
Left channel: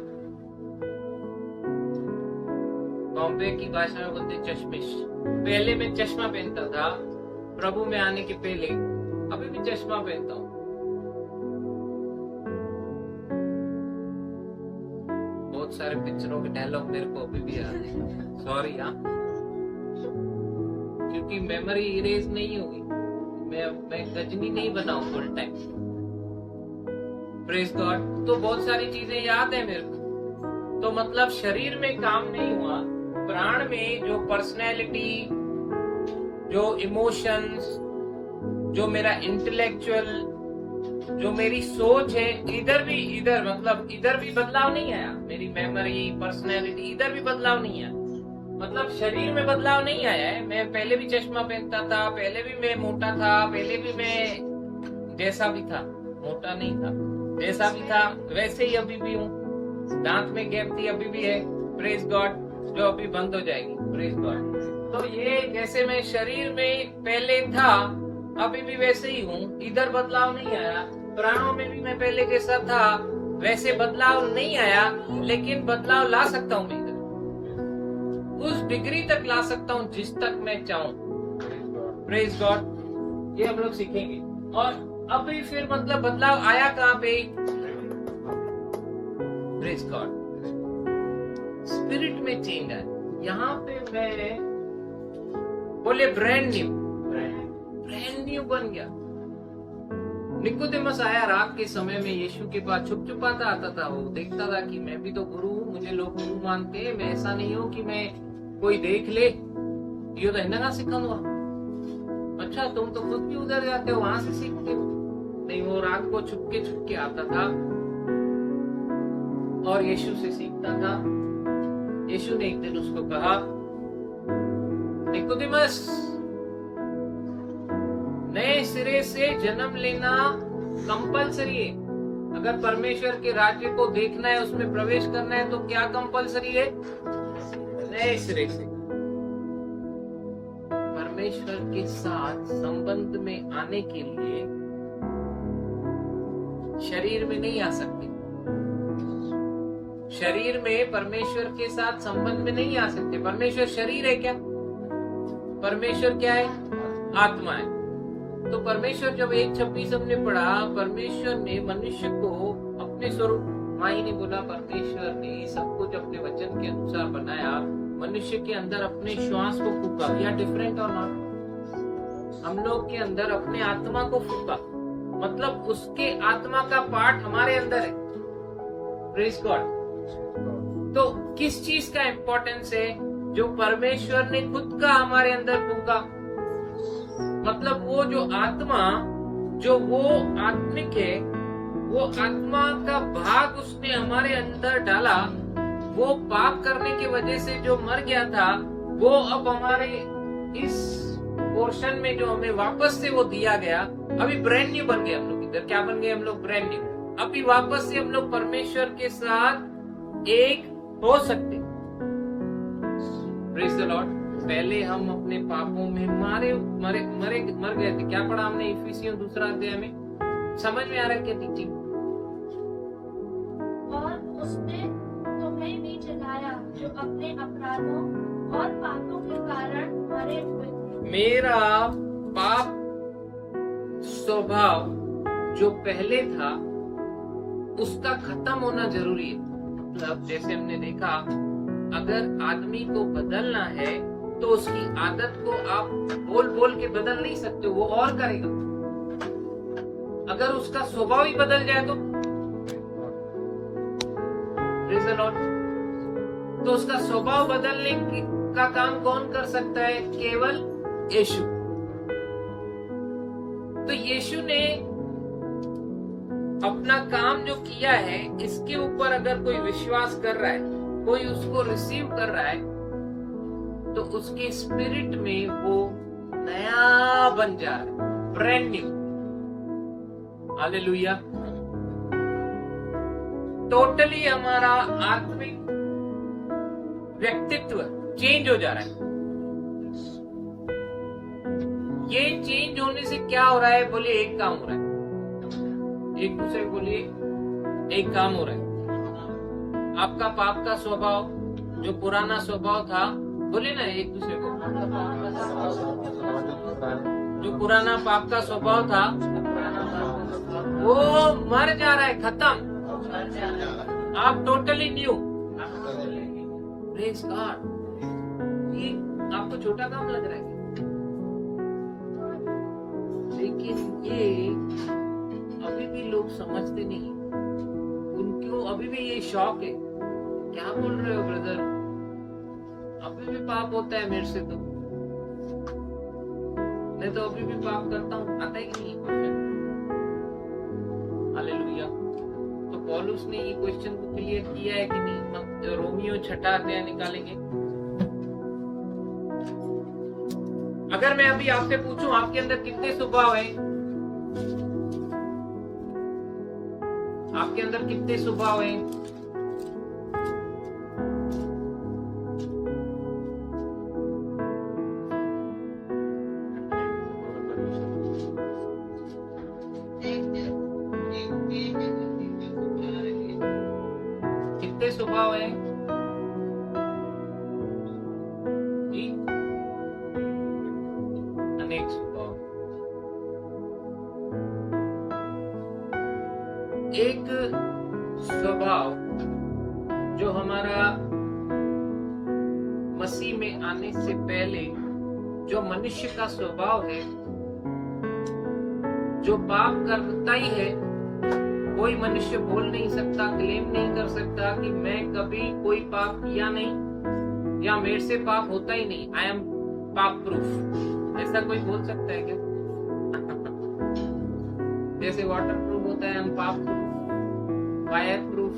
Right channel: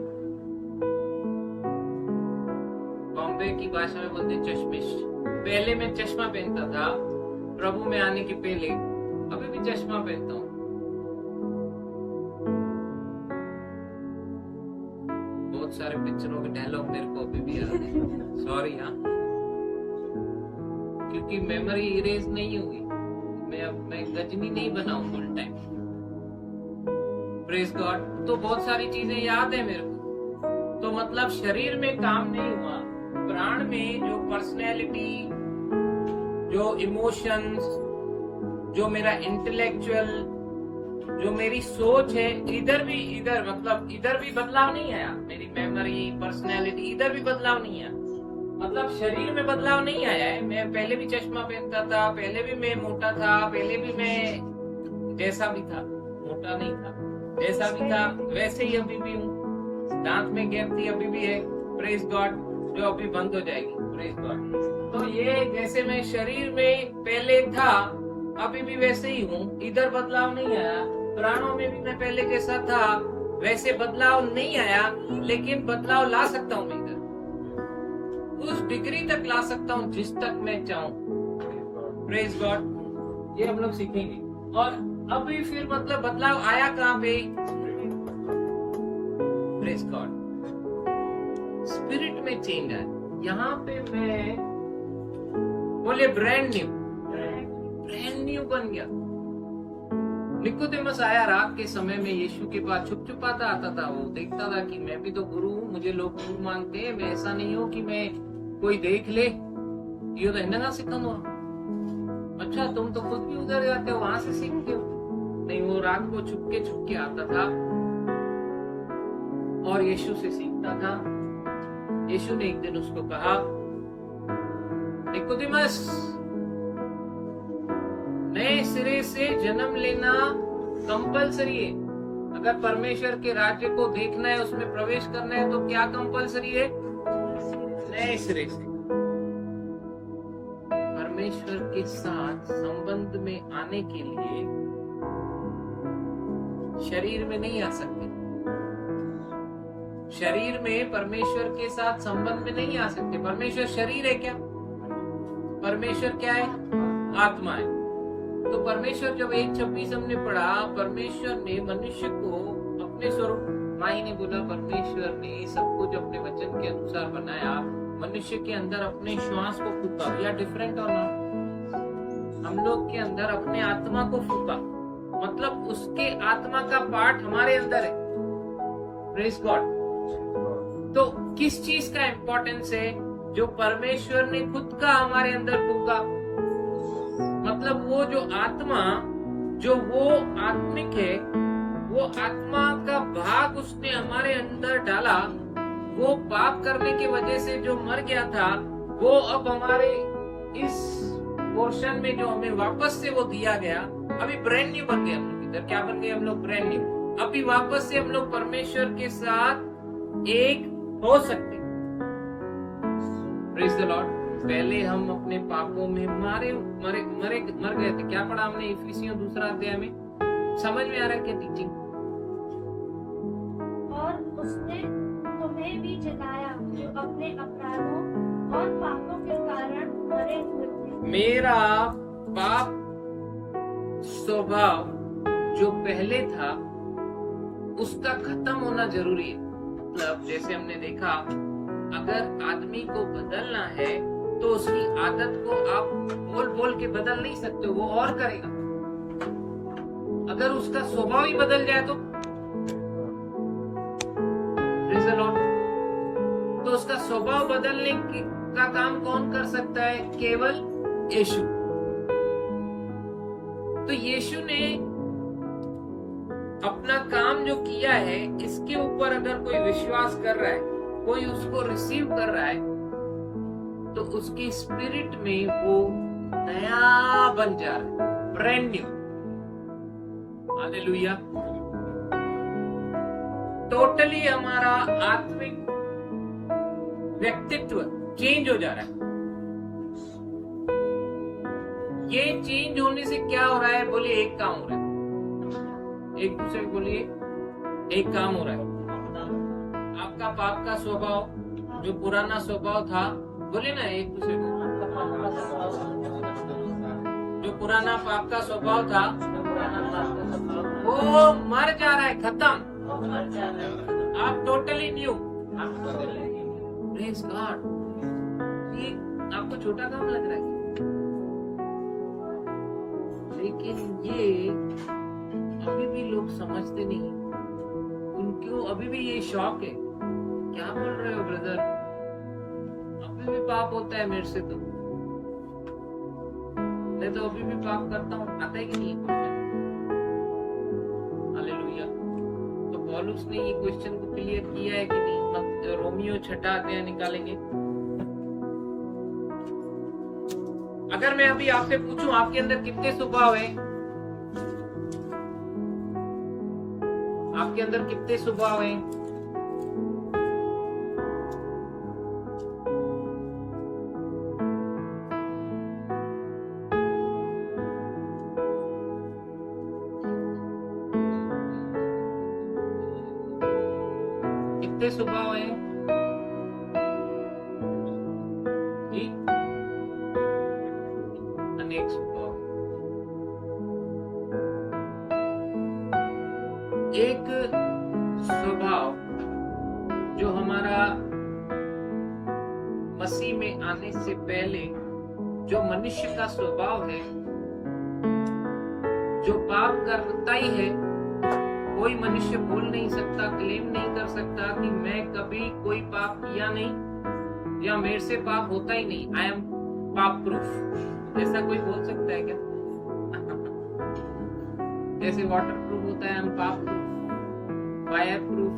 बॉम्बे की भाषा में बोलते चश्मिश। पहले मैं चश्मा पहनता था, प्रभु में आने के पहले, अभी भी चश्मा पहनता हूँ। बहुत सारे पिक्चरों के डायलॉग मेरे को अभी भी याद है, सॉरी हाँ, क्योंकि मेमोरी इरेज नहीं हुई। मैं गजनी नहीं बनाऊं फुल टाइम, प्रेज गॉड। तो बहुत सारी चीजें याद है मेरे को। तो मतलब शरीर में काम नहीं हुआ, प्राण में जो पर्सनैलिटी, जो इमोशंस, जो मेरा इंटेलेक्चुअल, जो मेरी सोच है, इधर भी बदलाव नहीं आया। मेरी मेमोरी, पर्सनैलिटी, इधर भी बदलाव नहीं आया। मतलब शरीर में बदलाव नहीं आया है। मैं पहले भी चश्मा पहनता था, पहले भी मैं मोटा था, पहले भी मैं जैसा भी था, मोटा नहीं था, जैसा भी था वैसे ही अभी भी हूँ। दांत में गैप थी, अभी भी है, प्रेज गॉड, जो अभी बंद हो जाएगी, प्रेज गॉड। तो ये जैसे मैं शरीर में पहले था, अभी भी वैसे ही हूँ, इधर बदलाव नहीं आया। प्राणों में भी मैं पहले जैसा था वैसे बदलाव नहीं आया, लेकिन बदलाव ला सकता हूँ मैं इधर, उस डिग्री तक ला सकता हूँ जिस तक मैं चाहूँ, प्रेज गॉड। ये हम लोग सीखेंगे। और अभी फिर मतलब बदलाव आया कहाँ पे? प्रेज गॉड, स्पिरिट में चेंज आया। यहाँ पे मैं बोले ब्रांड न्यू बन गया। निकोदेमस आया रात के समय में यीशु के पास, छुप छुपाता आता था। वो देखता था कि मैं भी तो गुरु हूँ, मुझे लोग गुरु मानते हैं, मैं ऐसा नहीं हूँ कि मैं कोई देख ले, ये तो हिंदना सिखाऊंगा। अच्छा, तुम तो खुद भी उधर जाते हो, वहां से सीखते हो। नहीं, वो रात को छुप के आता था और यीशु से सीखता था। यीशु ने एक दिन उसको कहा, निकोदेमस, नए सिरे से जन्म लेना कंपलसरी है। अगर परमेश्वर के राज्य को देखना है, उसमें प्रवेश करना है, तो क्या कंपलसरी है? नए सिरे से परमेश्वर के साथ संबंध में आने के लिए शरीर में नहीं आ सकते। शरीर में परमेश्वर के साथ संबंध में नहीं आ सकते। परमेश्वर शरीर है क्या? परमेश्वर क्या है? आत्मा है। तो परमेश्वर, जब 1:26 हमने पढ़ा, परमेश्वर ने मनुष्य को अपने स्वरूप, माई ने बोला परमेश्वर ने सब कुछ अपने वचन के अनुसार बनाया, मनुष्य के अंदर अपने श्वास को फूका। वी आर डिफरेंट और नॉट? हम लोग के अंदर अपने आत्मा को फूका, मतलब उसके आत्मा का पार्ट हमारे अंदर है, प्रेज गॉड। तो किस चीज का इंपॉर्टेंस है? जो परमेश्वर ने खुद का हमारे अंदर फूका, मतलब वो जो आत्मा, जो वो आत्मिक है, वो आत्मा का भाग उसने हमारे अंदर डाला। वो पाप करने की वजह से जो मर गया था, वो अब हमारे इस पोर्शन में जो हमें वापस से वो दिया गया, अभी ब्रांड न्यू बन गए हम लोग। इधर क्या बन गए हम लोग? Brand new. अभी वापस से हम लोग परमेश्वर के साथ एक हो सकते। Praise the Lord. पहले हम अपने पापों में मर गए थे। क्या पढ़ा हमने इफिसियों 2 अध्याय में? समझ में आ रहा है क्या टीचिंग? और उसने तुम्हें भी जलाया जो अपने अपराधों और पापों के कारण मरे हुए थे। मेरा पाप स्वभाव जो पहले था उसका खत्म होना जरूरी है। मतलब जैसे हमने देखा, अगर आदमी को बदलना है तो उसकी आदत को आप बोल बोल के बदल नहीं सकते, वो और करेगा। अगर उसका स्वभाव ही बदल जाए तो Praise the Lord। तो उसका स्वभाव बदलने का काम कौन कर सकता है? केवल यीशु। तो यीशु ने अपना काम जो किया है, इसके ऊपर अगर कोई विश्वास कर रहा है, कोई उसको रिसीव कर रहा है, तो उसके स्पिरिट में वो नया बन जा रहा है, ब्रांड न्यू। हालेलुया। टोटली हमारा आत्मिक व्यक्तित्व चेंज हो जा रहा है। ये चेंज होने से क्या हो रहा है? बोलिए, एक काम हो रहा है। एक दूसरे को बोलिए, एक काम हो रहा है। आपका पाप का स्वभाव, जो पुराना स्वभाव था, बोलिए ना एक दूसरे को, जो पुराना पाप का स्वभाव था वो मर जा रहा है, खत्म। आप टोटली न्यू। Praise God. ये आपको छोटा काम लग रहा है, लेकिन ये अभी भी लोग समझते नहीं। उनको अभी भी ये शौक है। क्या बोल रहे हो ब्रदर? अभी भी पाप होता है मेरे से। तो मैं तो अभी भी पाप करता हूँ। आता है कि नहीं क्वेश्चन? हालेलुया। तो पौलुस ने ये क्वेश्चन को क्लियर किया है कि नहीं? रोमियो 6 अध्याय निकालेंगे। अगर मैं अभी आपसे पूछूं, आपके अंदर कितने स्वभाव हैं? आपके अंदर कितने स्वभाव हैं? कितने स्वभाव हैं जी? अनेक स्वभाव। एक स्वभाव जो हमारा मसीह में आने से पहले जो मनुष्य का स्वभाव है, जो पाप करता ही है, कोई मनुष्य बोल नहीं सकता, क्लेम नहीं कर सकता कि मैं कभी कोई पाप किया नहीं या मेरे से पाप होता ही नहीं, आई एम पाप प्रूफ। ऐसा कोई बोल सकता है क्या? जैसे वाटर प्रूफ होता है, हम पाप प्रूफ, फायर प्रूफ,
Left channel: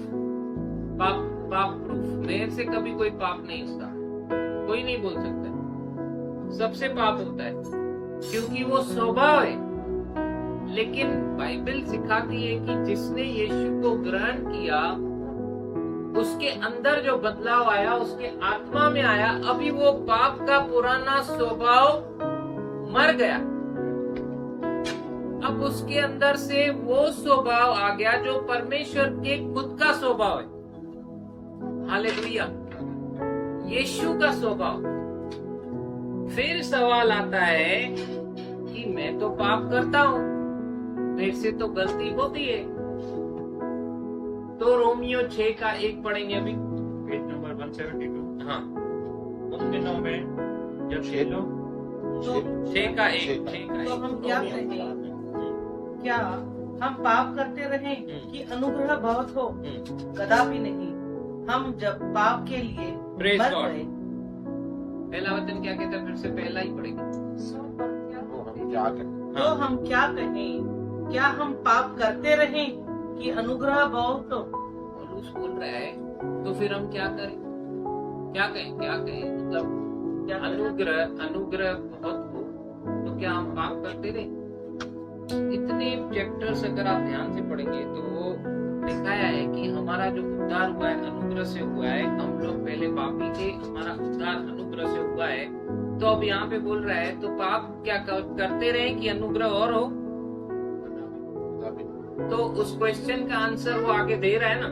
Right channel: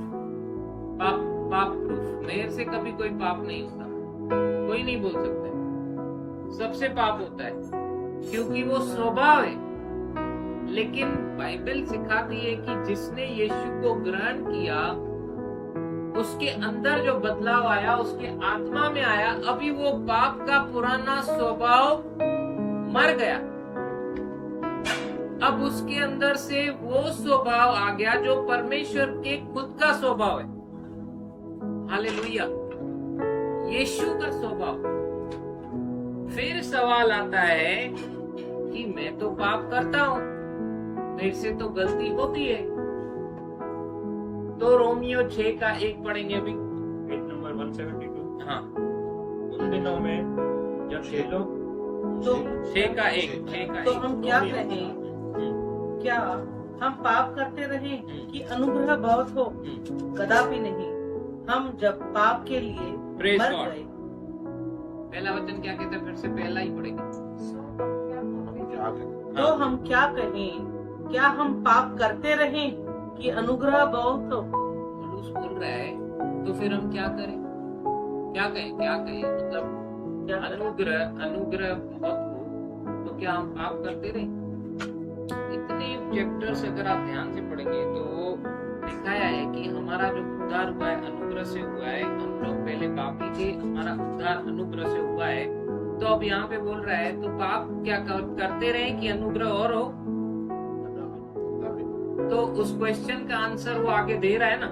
पाप प्रूफ। मेरे से कभी कोई पाप नहीं होता, कोई नहीं बोल सकता है। सबसे पाप होता है क्योंकि वो स्वभाव है। लेकिन बाइबल सिखाती है कि जिसने यीशु को ग्रहण किया, उसके अंदर जो बदलाव आया, उसके आत्मा में आया, अभी वो पाप का पुराना स्वभाव मर गया। अब उसके अंदर से वो स्वभाव आ गया जो परमेश्वर के खुद का स्वभाव है। हालेलुया। यीशु का स्वभाव। फिर सवाल आता है कि मैं तो पाप करता हूं, मेरे से तो गलती होती है। तो रोमियो 6 का 1 पढ़ेंगे अभी, पेज नंबर 172। हाँ, उन दिनों में जब ये लोग तो 6 का 1 तो हम क्या कहें? क्या हम पाप करते रहें कि अनुग्रह बहुत हो? कदापि नहीं। हम जब पाप के लिए Praise मर God। गए, पहला वचन क्या कहता है? फिर से पहला ही पढ़ेंगे। तो हम क्या कहें? क्या हम पाप करते रहें कि अनुग्रह बहुत हो? पौलुस बोल रहा है, तो फिर हम क्या करें? क्या कहें? मतलब क्या करें? अनुग्रह बहुत हो क्या हम पाप करते रहे? इतने चैप्टर्स अगर आप ध्यान से पढ़ेंगे तो वो दिखाया है कि हमारा जो उद्धार हुआ है अनुग्रह से हुआ है। हम लोग पहले पापी थे, हमारा उद्धार अनुग्रह से हुआ है। तो अब यहाँ पे बोल रहा है तो पाप क्या करते रहे कि अनुग्रह और हो? तो उस क्वेश्चन का आंसर वो आगे दे रहा है ना।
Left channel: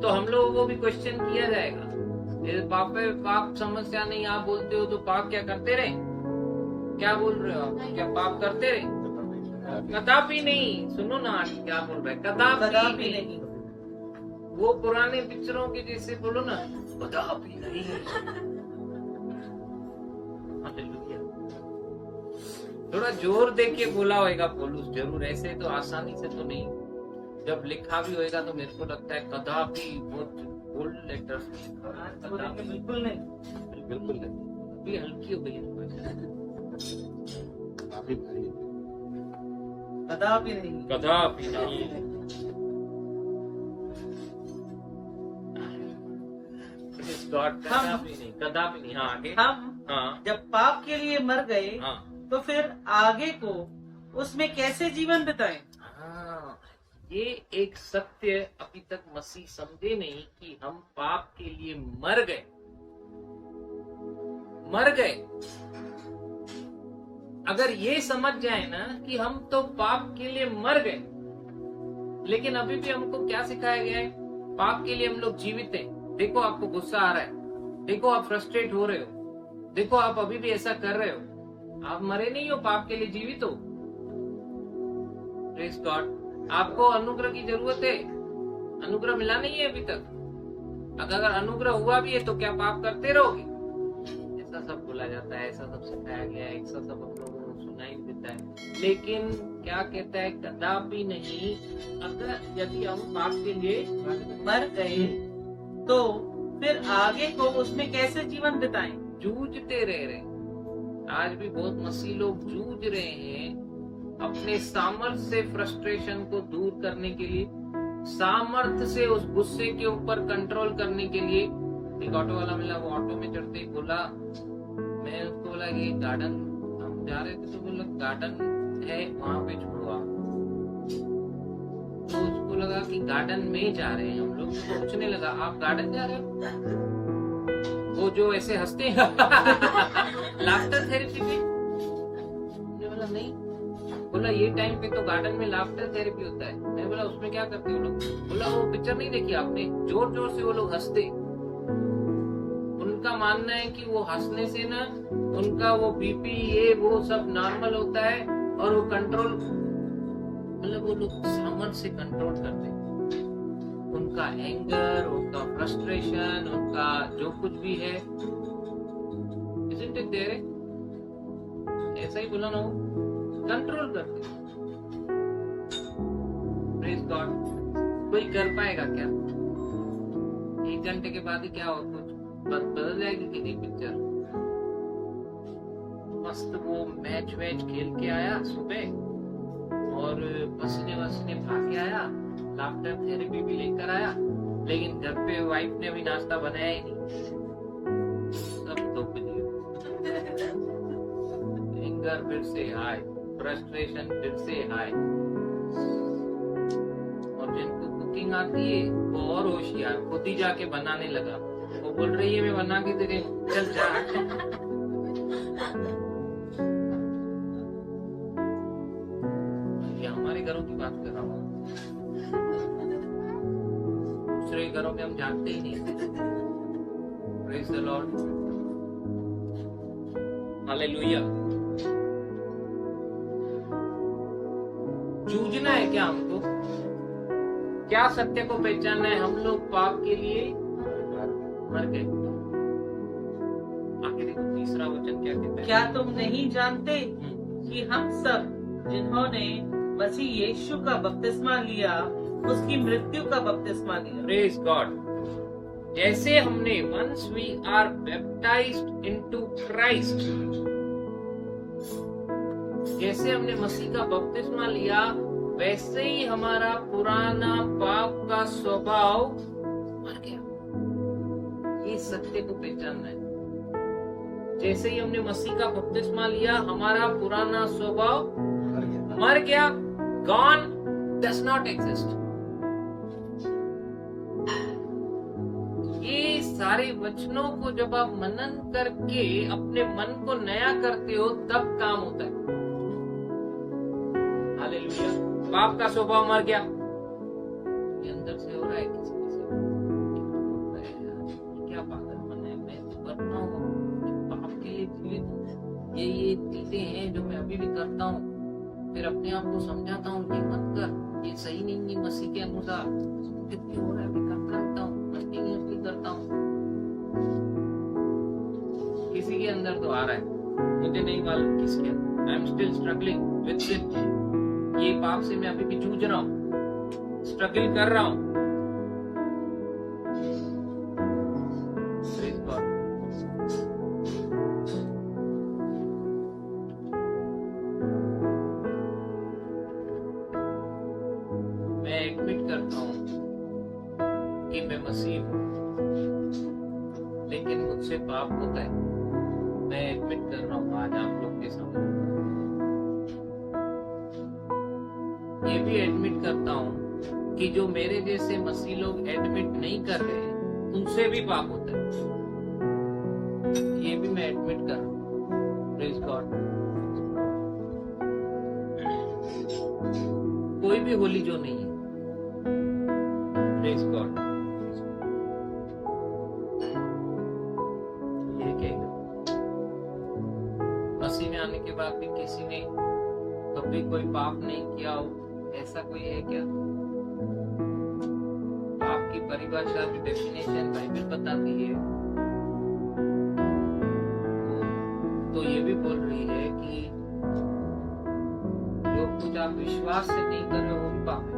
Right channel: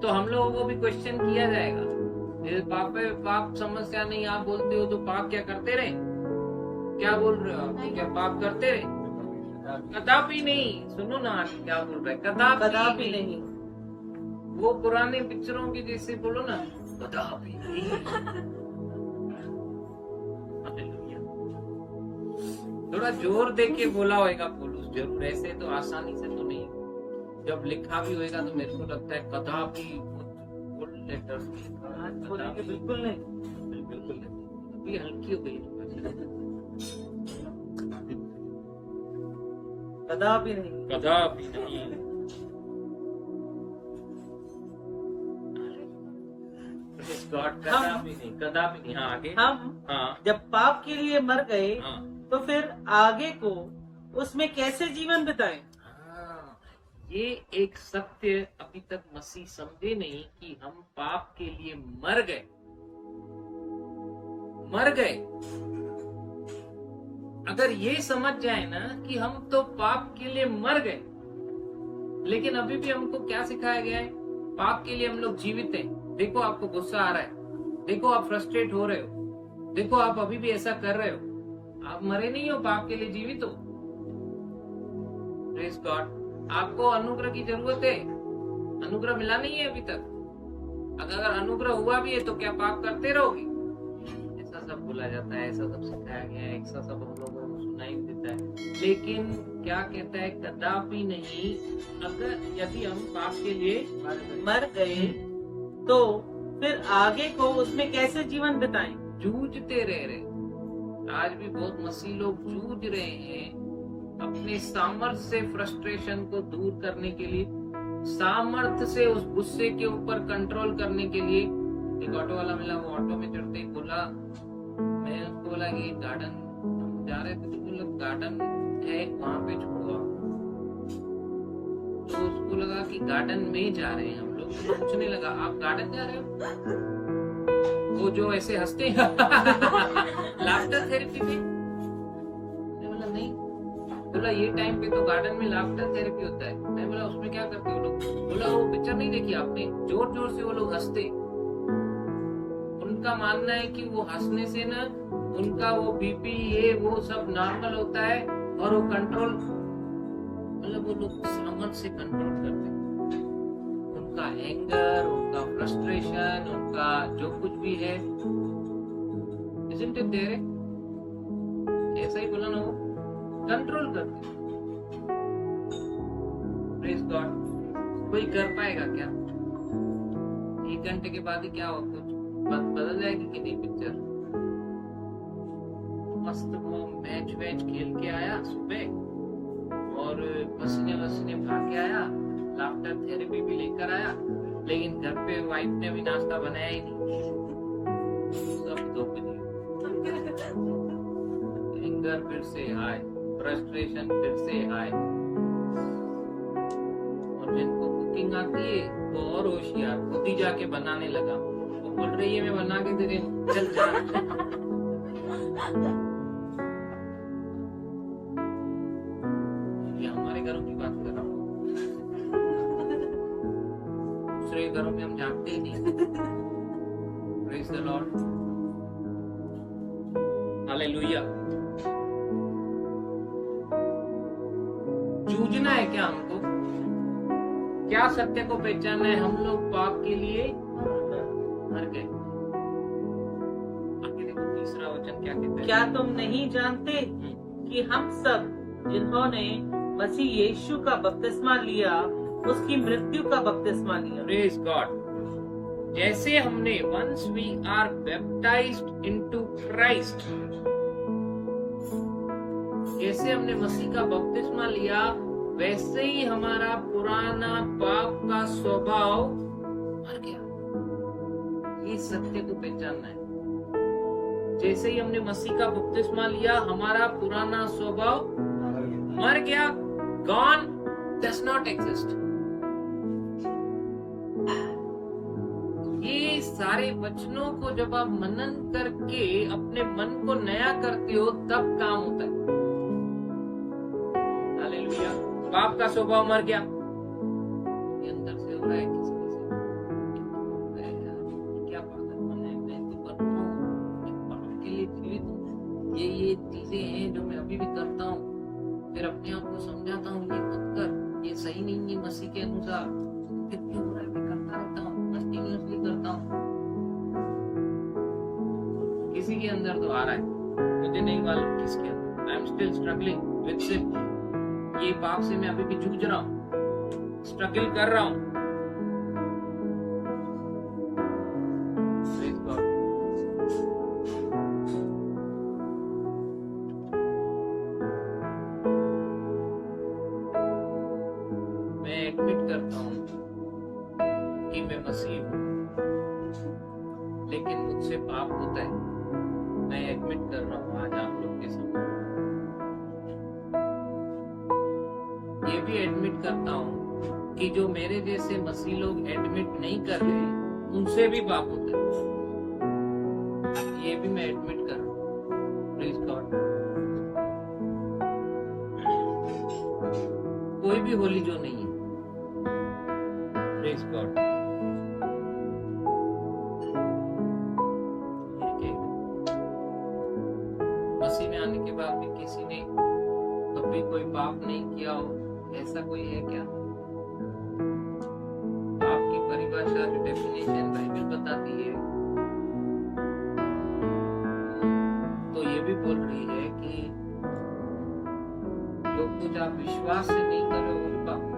तो हम लोगों को भी क्वेश्चन किया जाएगा, पाप समस्या नहीं आप बोलते हो तो पाप क्या करते रहे? क्या बोल रहे हो आप? क्या पाप करते रहे? कदापि नहीं। सुनो ना आगे क्या बोल रहे हैं, कदापि नहीं। वो पुराने पिक्चरों के जैसे बोलो ना, कदापि नहीं। हालेलुया। थोड़ा जोर दे के बोला होगा पौलुस जरूर, ऐसे तो आसानी से तो नहीं। जब लिखा भी होगा तो मेरे को लगता है कदापि बहुत बोल्ड लेटर्स में लिखा हुआ है। कदापि बिल्कुल नहीं, बिल्कुल नहीं। अभी हल्की हो गई है भाषा। कदापि नहीं, कदापि नहीं। Praise God, कदापि नहीं, कदापि नहीं। हाँ आगे। हम हाँ जब पाप के लिए मर गए हाँ तो फिर आगे को उसमें कैसे जीवन बिताएं? हाँ, ये एक सत्य अभी तक मसीह समझे नहीं कि हम पाप के लिए मर गए। अगर ये समझ जाए ना कि हम तो पाप के लिए मर गए, लेकिन अभी भी हमको क्या सिखाया गया है? पाप के लिए हम लोग जीवित हैं। देखो आपको गुस्सा आ रहा है, देखो आप फ्रस्ट्रेट हो रहे हो, देखो आप अभी भी ऐसा कर रहे हो, आप मरे नहीं हो, पाप के लिए जीवित हो। Praise God. आपको अनुग्रह की जरूरत है, अनुग्रह मिला नहीं है अभी तक। अगर अनुग्रह हुआ भी है तो क्या पाप करते रहोगे? ऐसा सब बोला जाता है, ऐसा सब सिखाया गया है, ऐसा सब हम लोगों को सुनाई देता है। लेकिन क्या कहता है? कदापि नहीं। अगर यदि हम पाप के लिए मर गए तो फिर आगे को उसमें कैसे जीवन बिताएं? जूझते रह रहे। आज भी बहुत मसीह लोग जूझ रहे हैं अपने सामर्थ्य से फ्रस्ट्रेशन को दूर करने के लिए, सामर्थ्य से उस गुस्से के ऊपर कंट्रोल करने के लिए। एक ऑटो वाला मिला, वो ऑटो में चढ़ते ही बोला, मैं उसको बोला कि गार्डन हम जा रहे थे तो बोला गार्डन है वहां पे छोड़ो आप। तो उसको लगा कि गार्डन में जा रहे हैं हम लोग, तो पूछने लगा आप गार्डन जा रहे हो? वो जो ऐसे हंसते हैं लाफ्टर थेरेपी पे। मैंने बोला नहीं। बोला ये टाइम पे तो गार्डन में लाफ्टर थेरेपी होता है। मैं बोला उसमें क्या करते हो लोग? बोला वो पिक्चर नहीं देखी आपने, जोर जोर से वो लोग हंसते। उनका मानना है कि वो हंसने से ना उनका वो बीपी ये वो सब नॉर्मल होता है और वो कंट्रोल, मतलब वो लोग सामर्थ्य से कंट्रोल करते हैं उनका एंगर, उनका फ्रस्ट्रेशन, उनका जो कुछ भी है। Isn't it there? ऐसा ही बोला ना, वो कंट्रोल करते। Praise God। कोई कर पाएगा क्या? 1 घंटे के बाद ही क्या हो, कुछ बदल जाएगी कि नहीं पिक्चर? मस्त वो मैच वैच खेल के आया सुबह और पसीने वसीने भाग के आया, लाफ्टर थेरेपी भी लेकर आया, लेकिन घर पे वाइफ ने अभी नाश्ता बनाया ही नहीं, सब धोखा। एंगर फिर से हाई, फ्रस्ट्रेशन फिर से हाई। और जिनको कुकिंग आती है वो और होशियार, खुद ही जाके बनाने लगा। वो बोल रही है मैं बना के दे रही हूँ, चल जा। ये हमारे घरों की बात कर रहा हूँ, दूसरे घरों में हम जानते ही नहीं। Praise the Lord, hallelujah. जूझना है क्या हमको? क्या सत्य को पहचानना है? हम लोग पाप के लिए मर गए। आगे देखो तीसरा वचन क्या कहता है? क्या तुम नहीं जानते कि हम सब जिन्होंने मसीह यीशु का बपतिस्मा लिया उसकी मृत्यु का बपतिस्मा लिया? Praise God. जैसे हमने once we are baptized into Christ, जैसे हमने मसीह का बपतिस्मा लिया वैसे ही हमारा पुराना पाप का स्वभाव मर गया। ये सत्य को पहचानना है। जैसे ही हमने मसीह का बपतिस्मा लिया, हमारा पुराना स्वभाव मर गया, गॉन, डज नॉट एग्जिस्ट। ये सारे वचनों को जब आप मनन करके अपने मन को नया करते हो तब काम होता है। हालेलुया। पाप का स्वभाव मर गया, ये अंदर से हो रहा है किसी यार क्या पागलपन है, मैं तो करता हूँ, पाप के लिए जीवित हूँ, ये चीजें हैं जो मैं अभी भी करता हूँ, फिर अपने आप को समझाता हूँ ये मत कर, ये सही नहीं है मसीह के अनुसार, कितनी हो रहा है, मैं करता रहता हूँ, कंटिन्यूअसली करता हूँ। किसी के अंदर तो आ रहा है, मुझे नहीं मालूम किसके अंदर। I am still struggling with sin. ये पाप से मैं अभी भी जूझ रहा हूँ, स्ट्रगल कर रहा हूँ। Praise God. मैं एडमिट करता हूँ कि मैं मसीह हूँ, लेकिन मुझसे पाप होता है। मैं एडमिट कर रहा हूँ आज आप लोग के सामने। ये भी एडमिट करता हूँ कि जो मेरे जैसे मसीह लोग एडमिट नहीं कर रहे, उनसे भी पाप होता है। ये भी मैं एडमिट कर रहा हूँ। Praise God. कोई भी होली जो नहीं है। Praise God. ये कहेगा मसीह में आने के बाद भी किसी ने कभी कोई पाप नहीं किया हो, ऐसा कोई है क्या? पाप की परिभाषा जो डेफिनेशन बाइबल बताती है, तो ये भी बोल रही है कि जो कुछ आप विश्वास से नहीं कर रहे हो वो भी पाप है।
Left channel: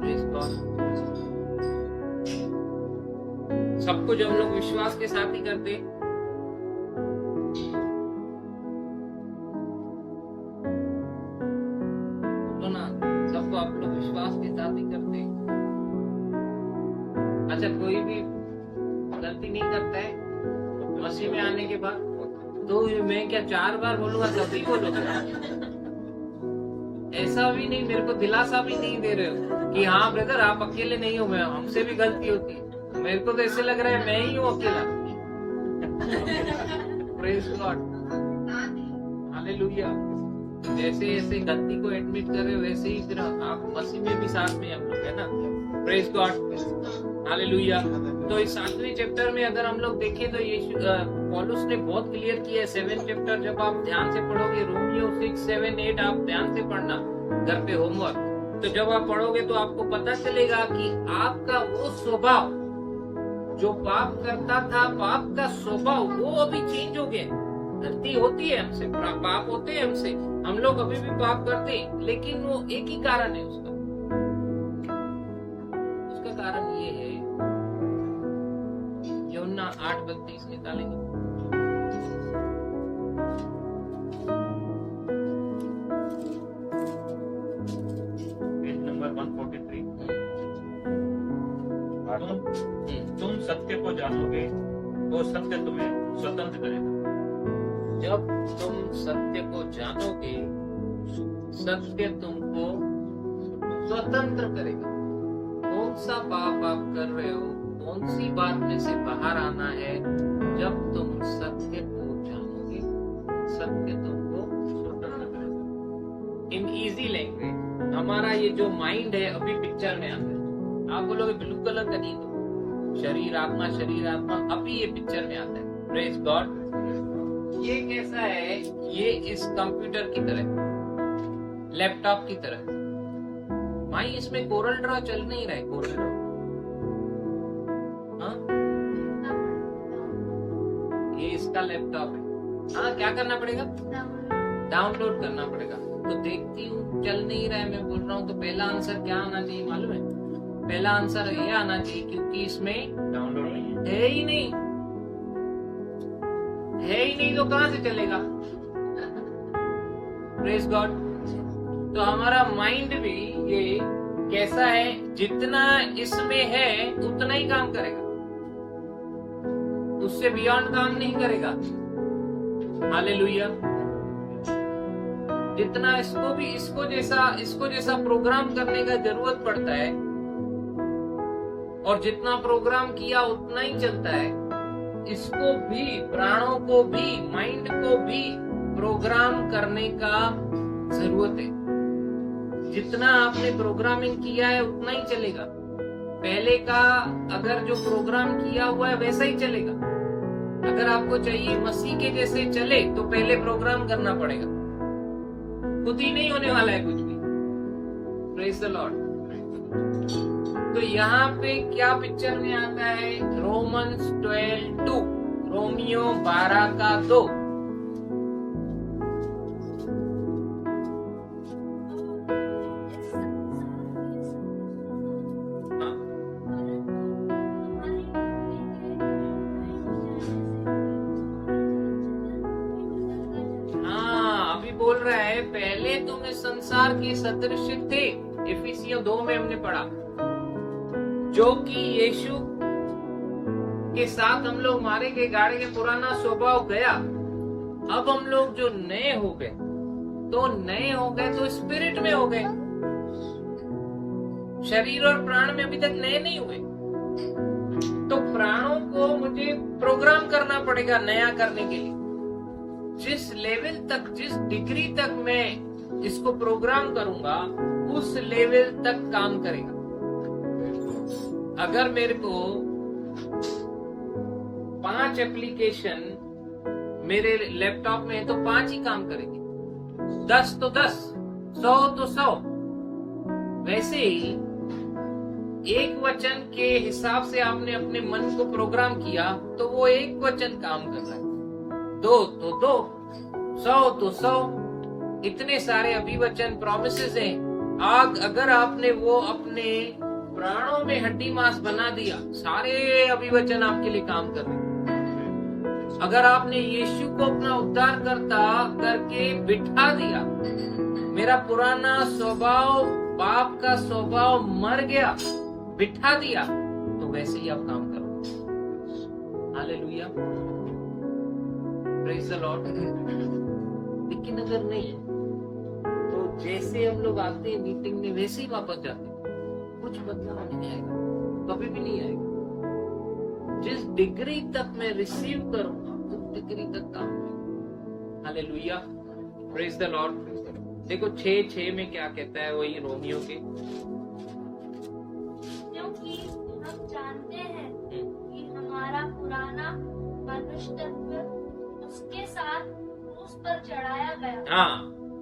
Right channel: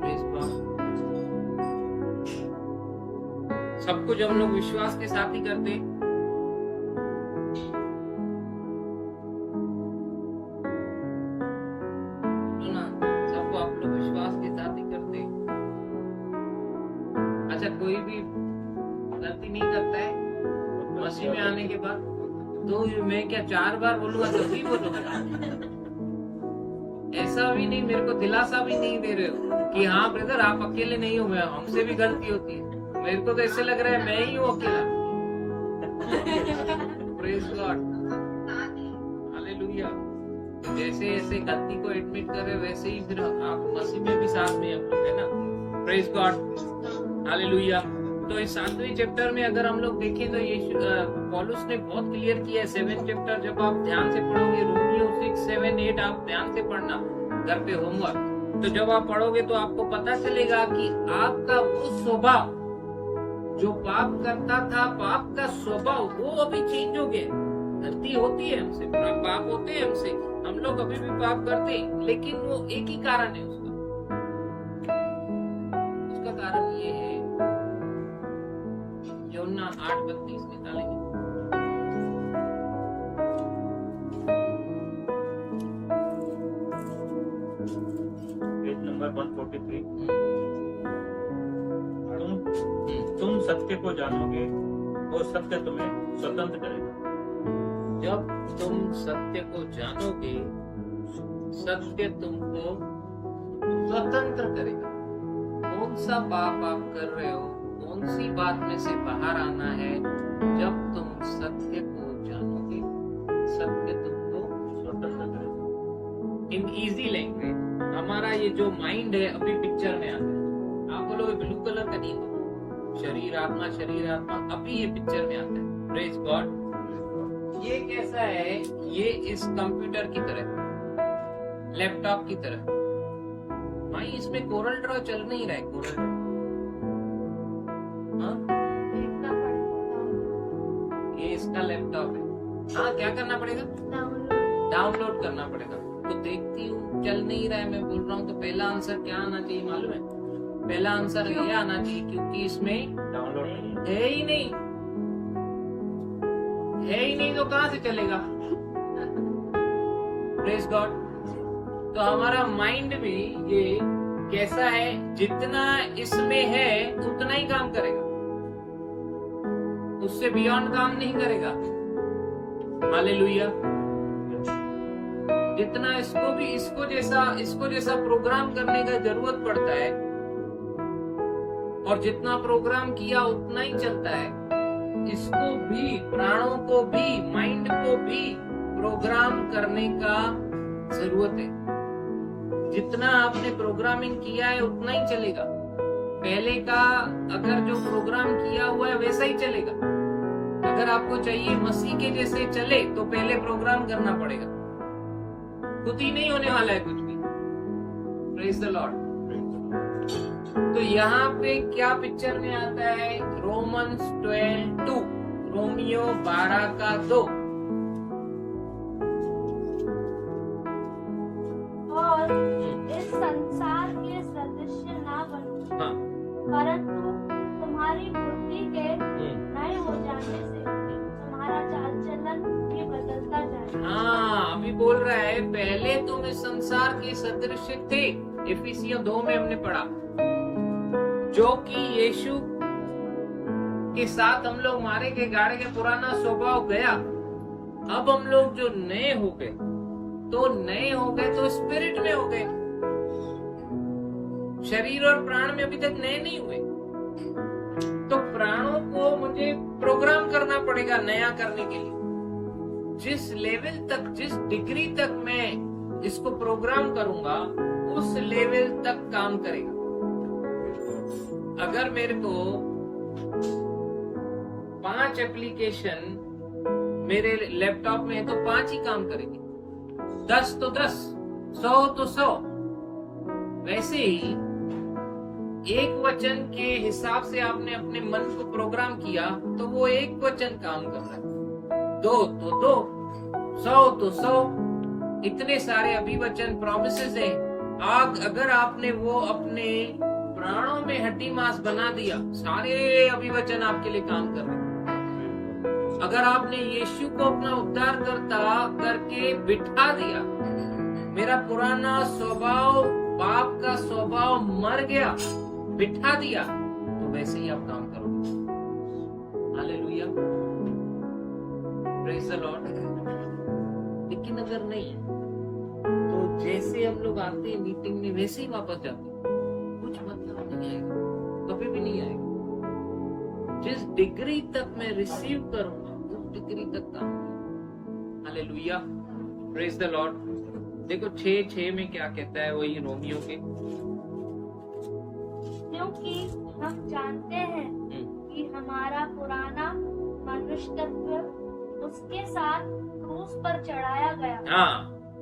Praise God। सब कुछ हम लोग विश्वास के साथ ही करते, तो ना सबको आप लोग विश्वास के साथ ही करते। अच्छा, कोई भी गलती नहीं करता है मसीह में आने के बाद? तो मैं क्या 4 बार बोलूंगा तभी बोलोगे? ऐसा भी नहीं, मेरे को दिलासा भी नहीं दे रहे हो कि हाँ ब्रदर आप अकेले नहीं हो, हमसे भी गलती होती है। मेरे को तो ऐसे लग रहा है मैं ही हूँ अकेला। Praise God, hallelujah. तो जैसे ऐसे गलती को एडमिट कर रहे हो, वैसे ही फिर आप मसीह में भी साथ में हम लोग है ना। Praise God, hallelujah. तो इस 7वें चैप्टर में अगर हम लोग देखें तो यीशु पौलुस ने बहुत क्लियर किया है। 7 चैप्टर जब आप ध्यान से पढ़ोगे, रोमियो 6, 7, 8 आप ध्यान से पढ़ना घर पे होमवर्क। तो जब आप पढ़ोगे तो आपको पता चलेगा कि आपका वो स्वभाव जो पाप करता था, पाप का स्वभाव वो अभी चेंज हो गया। गलती होती है हमसे, पाप होते हैं हमसे, हम लोग अभी भी पाप करते हैं, लेकिन वो एक ही कारण है उसका कारण ये है। यूहन्ना 8:32 निकालेंगे। Page number 143। तुम सत्य को जानोगे और सत्य तुम्हें स्वतंत्र करेगा। जब तुम सत्य को जानोगे, सत्य तुमको स्वतंत्र करेगा। कौन सा पाप आप कर रहे हो, कौन सी बात में से बाहर आना है? जब तुम सत्य को जानोगे, सत्य तुमको स्वतंत्र करेगा। इन इजी लैंग्वेज हमारा ये जो माइंड है अभी पिक्चर में आता है। आप बोलोगे ब्लू कलर का नहीं, तो शरीर आत्मा अभी ये पिक्चर में आता है। Praise God. ये कैसा है? ये इस कंप्यूटर की तरह, लैपटॉप की तरह। भाई इसमें कोरल ड्रॉ चल नहीं रहा है। कोरल ड्रॉ ये इसका लैपटॉप है। हाँ, क्या करना पड़ेगा? डाउनलोड करना पड़ेगा। तो देखती हूँ चल नहीं रहा है, मैं बोल रहा हूँ। तो पहला आंसर क्या आना चाहिए मालूम है? पहला आंसर ये आना चाहिए क्योंकि इसमें डाउनलोड है ही नहीं। तो कहां से चलेगा? Praise God. तो हमारा माइंड भी ये कैसा है? जितना इसमें है उतना ही काम करेगा, उससे बियॉन्ड काम नहीं करेगा। हालेलुया। जितना इसको जैसा प्रोग्राम करने का जरूरत पड़ता है, और जितना प्रोग्राम किया उतना ही चलता है, इसको भी, प्राणों को भी, माइंड को भी प्रोग्राम करने का जरूरत है। जितना आपने प्रोग्रामिंग किया है उतना ही चलेगा। पहले का अगर जो प्रोग्राम किया हुआ है वैसा ही चलेगा। अगर आपको चाहिए मसीह के जैसे चले तो पहले प्रोग्राम करना पड़ेगा, खुद ही नहीं होने वाला है कुछ भी। Praise the Lord. तो यहाँ पे क्या पिक्चर में आता है? Romans 12:2, Romeo 12:2। और इस संसार के सदस्य ना बनो, हाँ, परंतु तुम्हारी बुद्धि के नए हो जाने से तुम्हारा चाल चलन भी बदलता जाए। हाँ, अभी बोल रहा है पहले तुम इस संसार के सदृश थे। इफिसियों 2 में हमने पढ़ा, जो कि यीशु के साथ हम लोग मारे गए, गाड़े के पुराना स्वभाव गया। अब हम लोग जो नए हो गए तो स्पिरिट में हो गए। शरीर और प्राण में अभी तक नए नहीं हुए। तो प्राणों को मुझे प्रोग्राम करना पड़ेगा नया करने के लिए। जिस लेवल तक, जिस डिग्री तक मैं इसको प्रोग्राम करूंगा, उस लेवल तक काम करेगा। अगर मेरे को 5 एप्लीकेशन मेरे लैपटॉप में है तो 5 ही काम करेंगे, 10 तो 10, 100 तो 100। वैसे ही एक वचन के हिसाब से आपने अपने मन को प्रोग्राम किया तो वो एक वचन काम कर रहा है, 2 तो 2, 100 तो 100। इतने सारे अभिवचन, प्रोमिसेस हैं। अगर आपने वो अपने प्राणों में हड्डी मांस बना दिया, सारे अभिवचन आपके लिए काम कर रहे हैं। अगर आपने यीशु को अपना उद्धार करता करके बिठा दिया, मेरा पुराना स्वभाव, पाप का स्वभाव मर गया, बिठा दिया, तो वैसे ही आप काम करोगे। Hallelujah, praise the Lord. लेकिन अगर नहीं तो जैसे हम लोग आते हैं मीटिंग में वैसे ही वापस जाते हैं, कुछ बदलाव नहीं आएगा, कभी भी नहीं आएगा। जिस डिग्री तक मैं रिसीव करूंगा उस डिग्री तक काम करेगा। Hallelujah, praise the Lord. देखो 6:6 में क्या कहता है, वही रोमियो के, क्योंकि हम जानते हैं कि हमारा पुराना मनुष्यत्व उसके साथ क्रूस पर चढ़ाया गया। हाँ,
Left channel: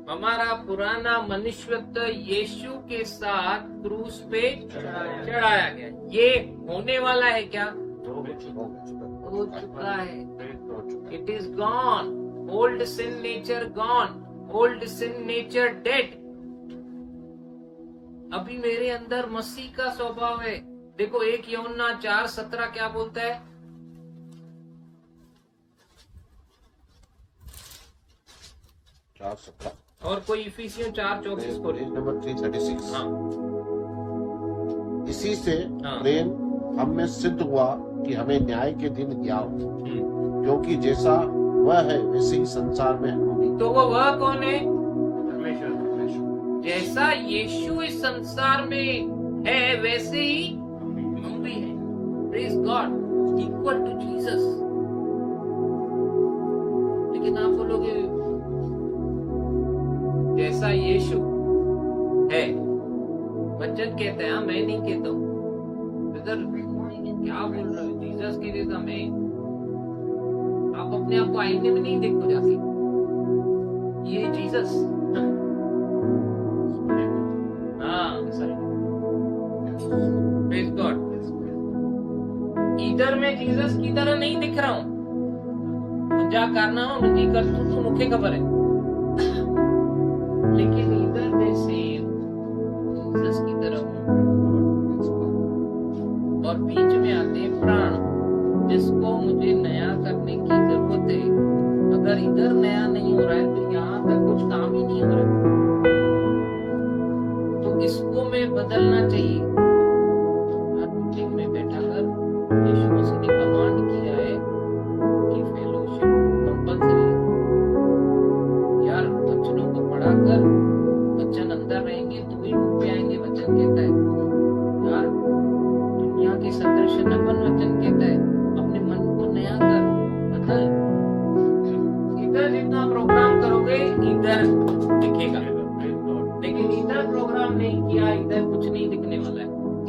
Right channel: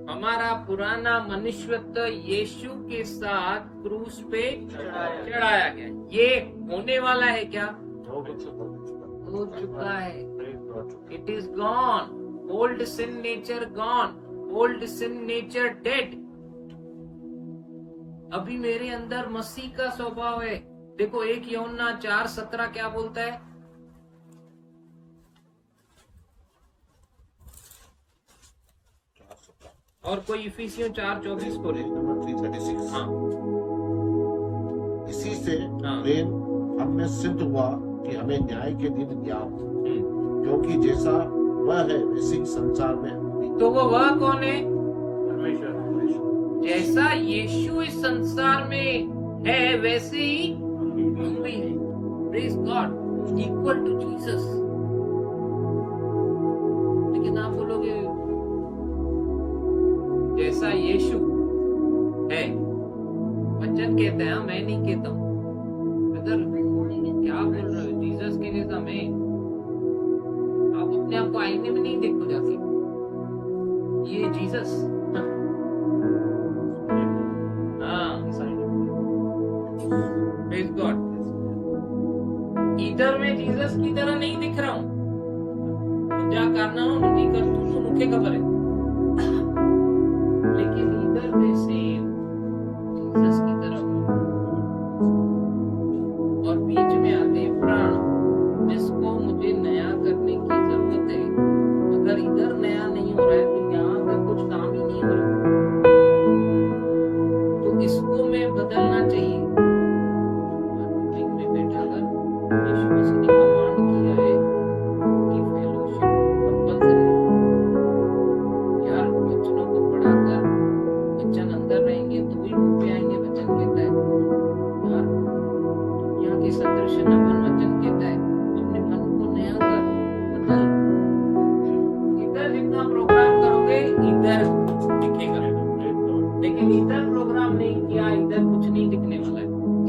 हमारा पुराना मनुष्यत्व यीशु के साथ क्रूस पे चढ़ाया गया। ये होने वाला है क्या? हो चुका है। It is gone. Old sin nature gone, old sin nature dead. अभी मेरे अंदर मसीह का स्वभाव है। देखो 1 यूहन्ना 4:17 क्या बोलता है? और कोई इफिसियों 4:24 को ले। नंबर 336। हाँ, इसी से हाँ। प्रेम हम में सिद्ध हुआ कि हमें न्याय के दिन ज्ञान हो, क्योंकि जैसा वह है वैसे ही संसार में हम भी। तो वह कौन है? जैसा यीशु इस संसार में है वैसे ही हम भी हैं। Praise God, equal to Jesus. लेकिन आप बोलोगे जैसा यीशु है, वचन कहता है, मैं नहीं कहता हूँ। क्या बोल रहे हो? जीसस के जैसा मैं? आप अपने आप को आईने में नहीं देखो जाके, ये जीसस। Praise God. इधर मैं जीसस की तरह नहीं दिख रहा हूँ, मुझे करना हो मुझे कर तू मुखे खबर है, लेकिन इधर मैं सेम जीसस की तरह हूँ। और बीच में आते हैं प्राण, जिसको मुझे नया करने की जरूरत है। अगर इधर नया नहीं हो रहा है तो यहाँ तक कुछ काम ही नहीं हो रहा है। तो इसको मैं बदलना चाहिए। मीटिंग में बैठा कर यीशु मसीह ने कमांड किया है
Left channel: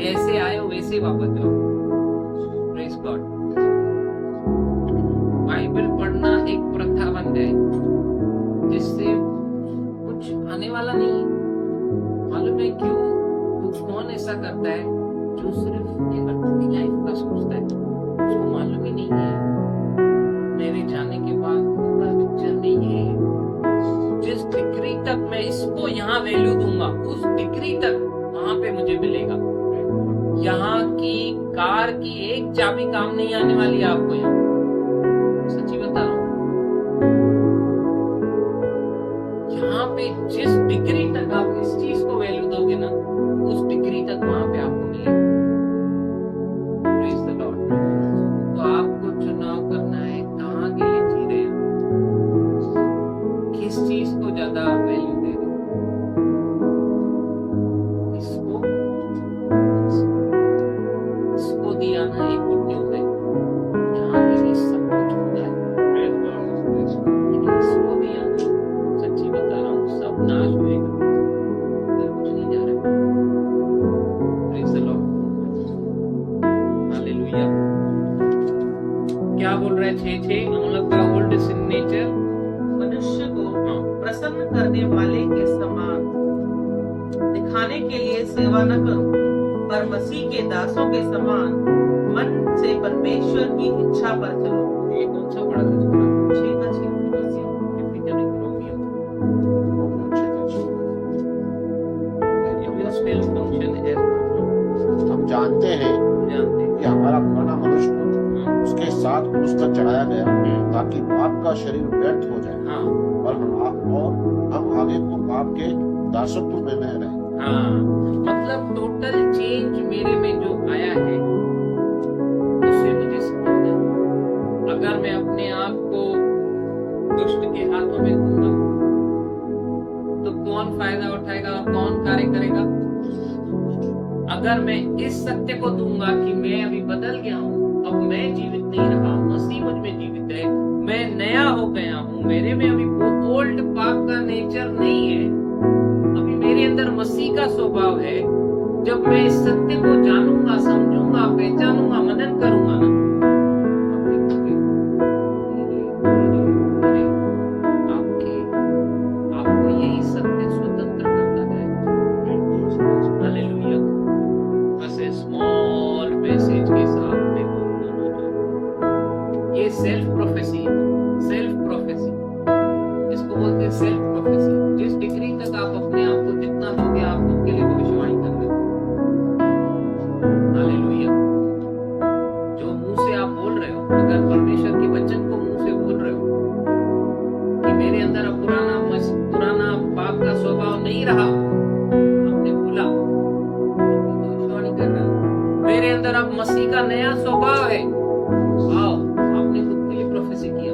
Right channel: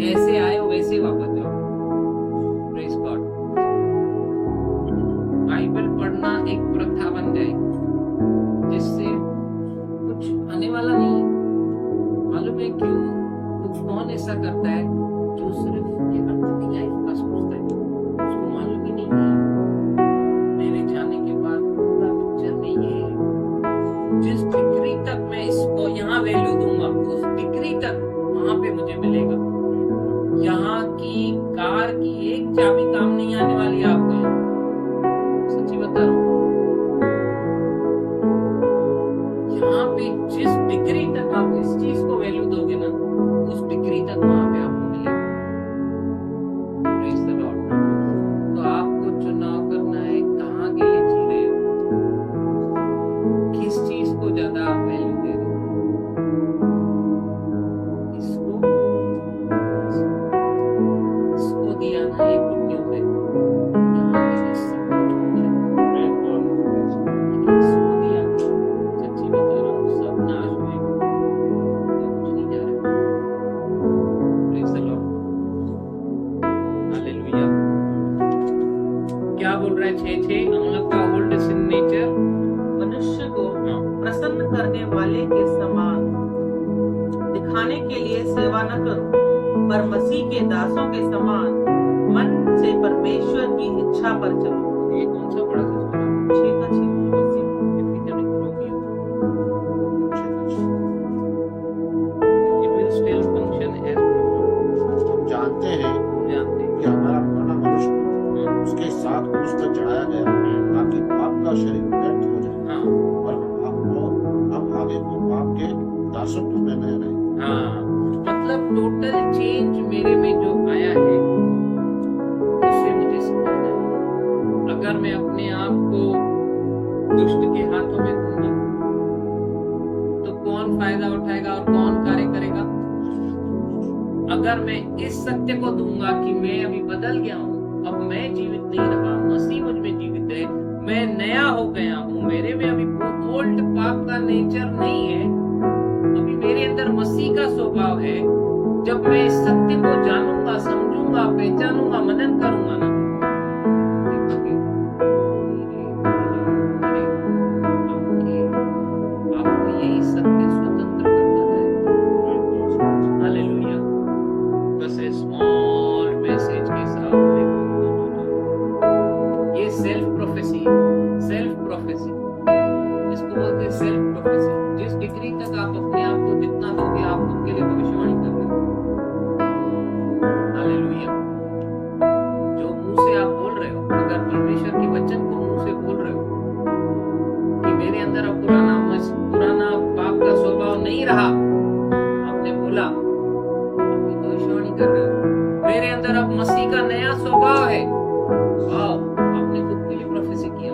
ऐसे आए हो वैसे वापस जाओ। Praise God. बाइबल पढ़ना एक प्रथा बन जाए जिससे कुछ आने वाला नहीं है। मालूम है क्यों? वो कौन ऐसा करता है जो सिर्फ ये अर्थ की लाइफ का सोचता है, उसको मालूम ही नहीं है मेरे जाने के बाद पूरा पिक्चर नहीं है। जिस डिग्री तक मैं इसको यहाँ वैल्यू दूंगा उस डिग्री तक वहां पे मुझे मिलेगा। यहाँ की कार की एक चाबी काम नहीं आने वाली है आपको। यहाँ सच्ची बता रहा हूँ, यहाँ पे जिस डिग्री तक आप इस चीज को वैल्यू दोगे ना उस डिग्री तक वहां पे आपको मिलेगा। Praise the Lord. तो आपको चुनाव करना है कहाँ के लिए जी रहे हो, किस चीज को ज्यादा वैल्यू दे रहे हो, इसको इसको दिया ना एक गुड न्यूज है, यहाँ के लिए सब कुछ होता है। लेकिन इसको दिया ना, सच्ची बता रहा हूँ, सब नाश होएगा, इधर कुछ नहीं जा रहा। Praise the Lord. हालेलुया। क्या बोल रहा है 6:6? हम लोग का ओल्ड सिन नेचर मनुष्य को प्रसन्न करने वाले के समान दिखाने के लिए सेवा न करो, पर मसीह के दासों के समान मन से परमेश्वर की इच्छा पर चलो। ये कौन सा पढ़ा था इसको? 6:6 Epidemic Romeo. It will still function as before. हम जानते हैं हम जानते हैं। कि हमारा पुराना मनुष्य को उसके साथ क्रूस पर चढ़ाया गया ताकि पाप का शरीर व्यर्थ हो जाए हाँ और हम आगे को पाप के दासत्व में न रहे। हाँ, मतलब टोटल चेंज मेरे में जो आया है उससे मुझे समझना है। अगर मैं अपने आप को दुष्ट के हाथों में दूंगा तो कौन फायदा उठाएगा और कौन कार्य करेगा? अगर मैं इस सत्य को दूंगा कि मैं अभी बदल गया हूँ, अब मैं जीवित नहीं रहा, मसीह मुझ में जीवित है, मैं नया हो गया हूँ, मेरे में अभी वो ओल्ड पाप का नेचर नहीं है, अभी मेरे अंदर मसीह का स्वभाव है। जब मैं इस सत्य को जानूंगा, समझूंगा, पहचानूंगा, मनन करूंगा ना, देखोगे धीरे-धीरे आपको यही सत्य स्वतंत्र करता जाएगा। हालेलुया। बस स्मॉल मैसेज के साथ देखो दोनों जो ये सेल्फ प्रोफेसी इसको बोलते हैं सेल्फ प्रोफेसी। जिस डिग्री तक आप अपने आप को जितना दोगे आप खुद के लिए भविष्यवाणी कर रहे हो। हालेलुया। जो मुंह से आप बोल रहे हो, अगर परमेश्वर के वचन को मुंह से बोल रहे हो कि मेरे अंदर अब पुराना पाप का स्वभाव नहीं रहा, आपने बोला, अपनी भविष्यवाणी कर रहे हो। मेरे अंदर अब मसीह का नया स्वभाव है, वाह, आपने खुद के लिए प्रोफेसी किया।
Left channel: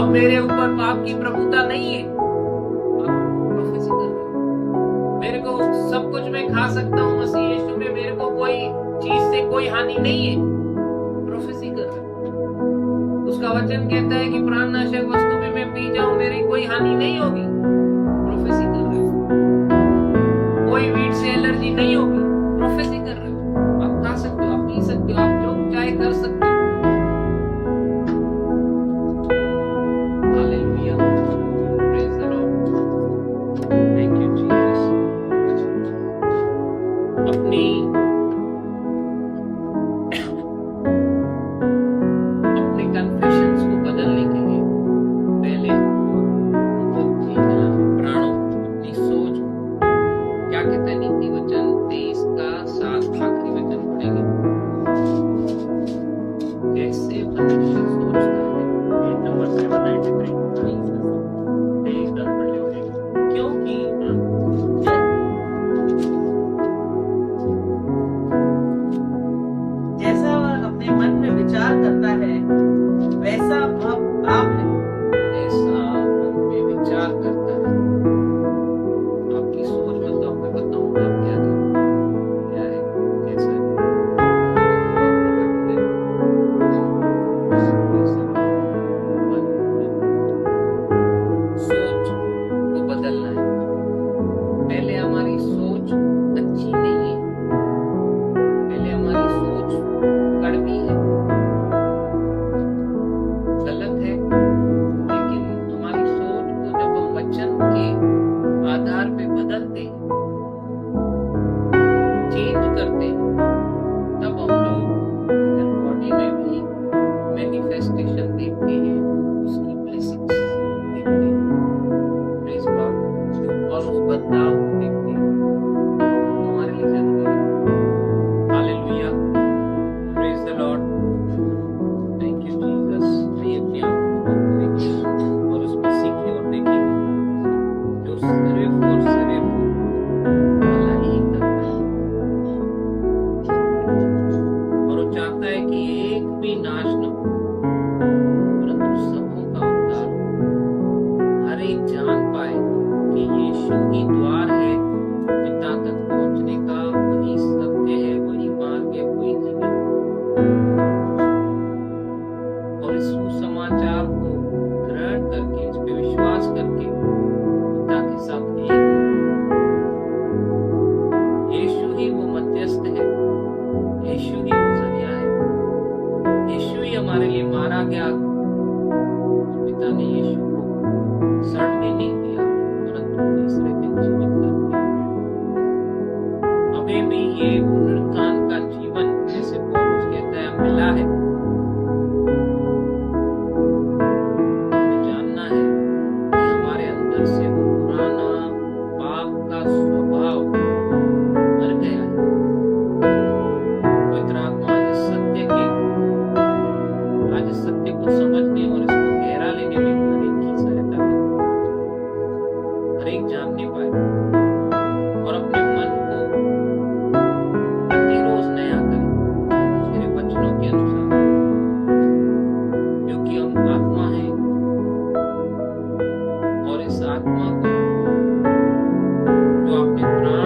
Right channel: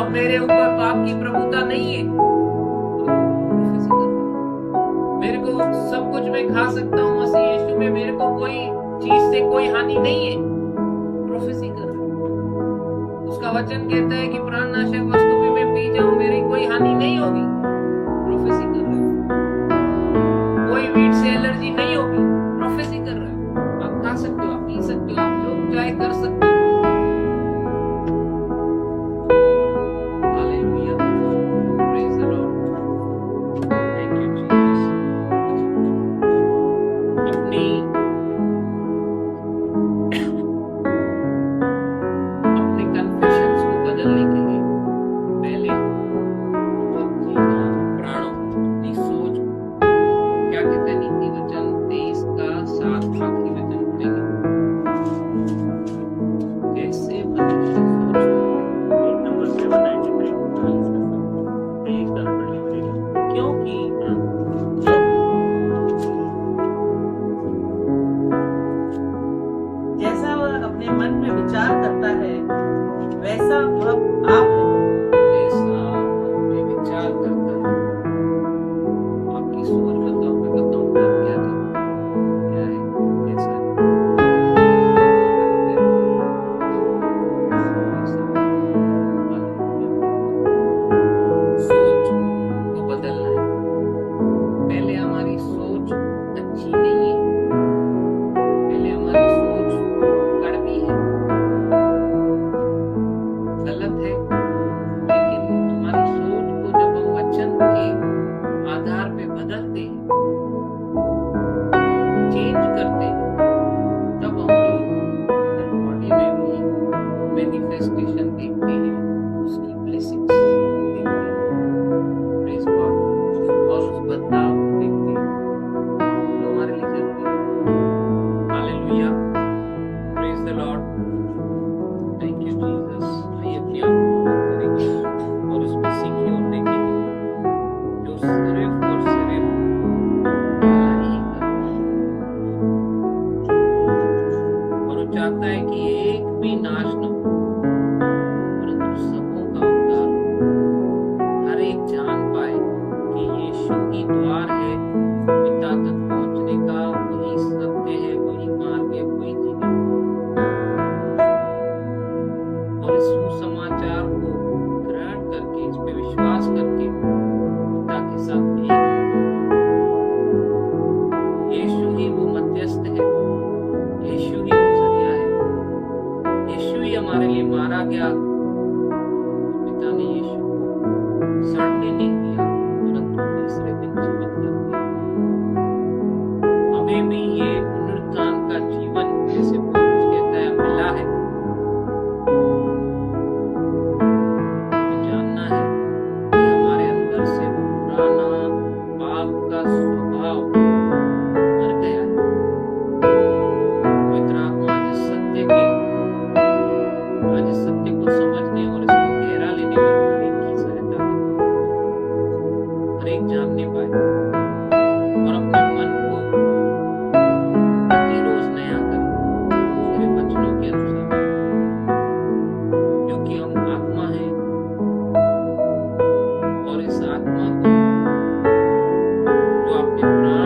अब मेरे ऊपर पाप की प्रभुता नहीं है, प्रोफेसी कर रहे हो। मेरे को सब कुछ मैं खा सकता हूँ मसीह यीशु में, मेरे को कोई चीज से कोई हानि नहीं है, प्रोफेसी कर रहे हो। उसका वचन कहता है कि प्राणनाशक वस्तु भी मैं पी जाऊं मेरी कोई हानि नहीं होगी, प्रोफेसी कर रहे हो। कोई वीट से एलर्जी नहीं होगी, प्रोफेसी कर रहे हो। आप खा सकते हो, आप पी सकते हो, आप जो चाहे कर सकते हो। Hallelujah. Praise the Lord. Thank you Jesus. अपने कन्फेशंस को बदलने के लिए पहले प्राणों अपनी सोच क्या कहता है नीति वचन 23 का 7 आखिरी वचन पढ़ेंगे। जैसे मनुष्य सोचता है, नंबर 793 23 का पढ़ने पड़ेगा। क्योंकि जैसा वह अपने मन में विचार करता है वैसा वह आप है। ऐसा मन में विचार करता है। आपकी सोच बताओ, मैं बताऊंगा आप क्या थे, क्या है, कैसा है। सोच को बदलना है। पहले हमारी सोच अच्छी नहीं है, सिर्फ और सिर्फ भलाई ही करता है, और वो चाहता है कि एक भी नाश न हो, परंतु सबों का उद्धार हो। हर एक जान पाए कि यीशु ही द्वार है पिता तक पहुंचने का, वही सत्य है, वही मार्ग है, वही जीवन। और इस सुसमाचार को ग्रहण करके, इस पे विश्वास करके पिता के साथ एक, यीशु ही वो मध्यस्थ है, यीशु ही वो जरिया है, यीशु ही हमारे लिए मारा गया। पिता ने यीशु को सड़ने नहीं दिया, परंतु तीसरे दिन जीवित कर दिया। हमें भी ये पुनरुत्थान का जीवन, जैसे पौलुस कहता है, मिला है। हमें जानना है कि हमारे अंदर से वो पुराना पाप का स्वभाव मर गया है। पवित्र आत्मा आज इस सत्य को समझने और इसको गहरा लेने में हर एक की सहायता करे, हर एक जानने पाए और अपने मन को प्रतिरोज नया करे तेरे वचनों के अनुसार, क्योंकि हम आत्मा हैं और इस आत्मा को जो अपने प्राण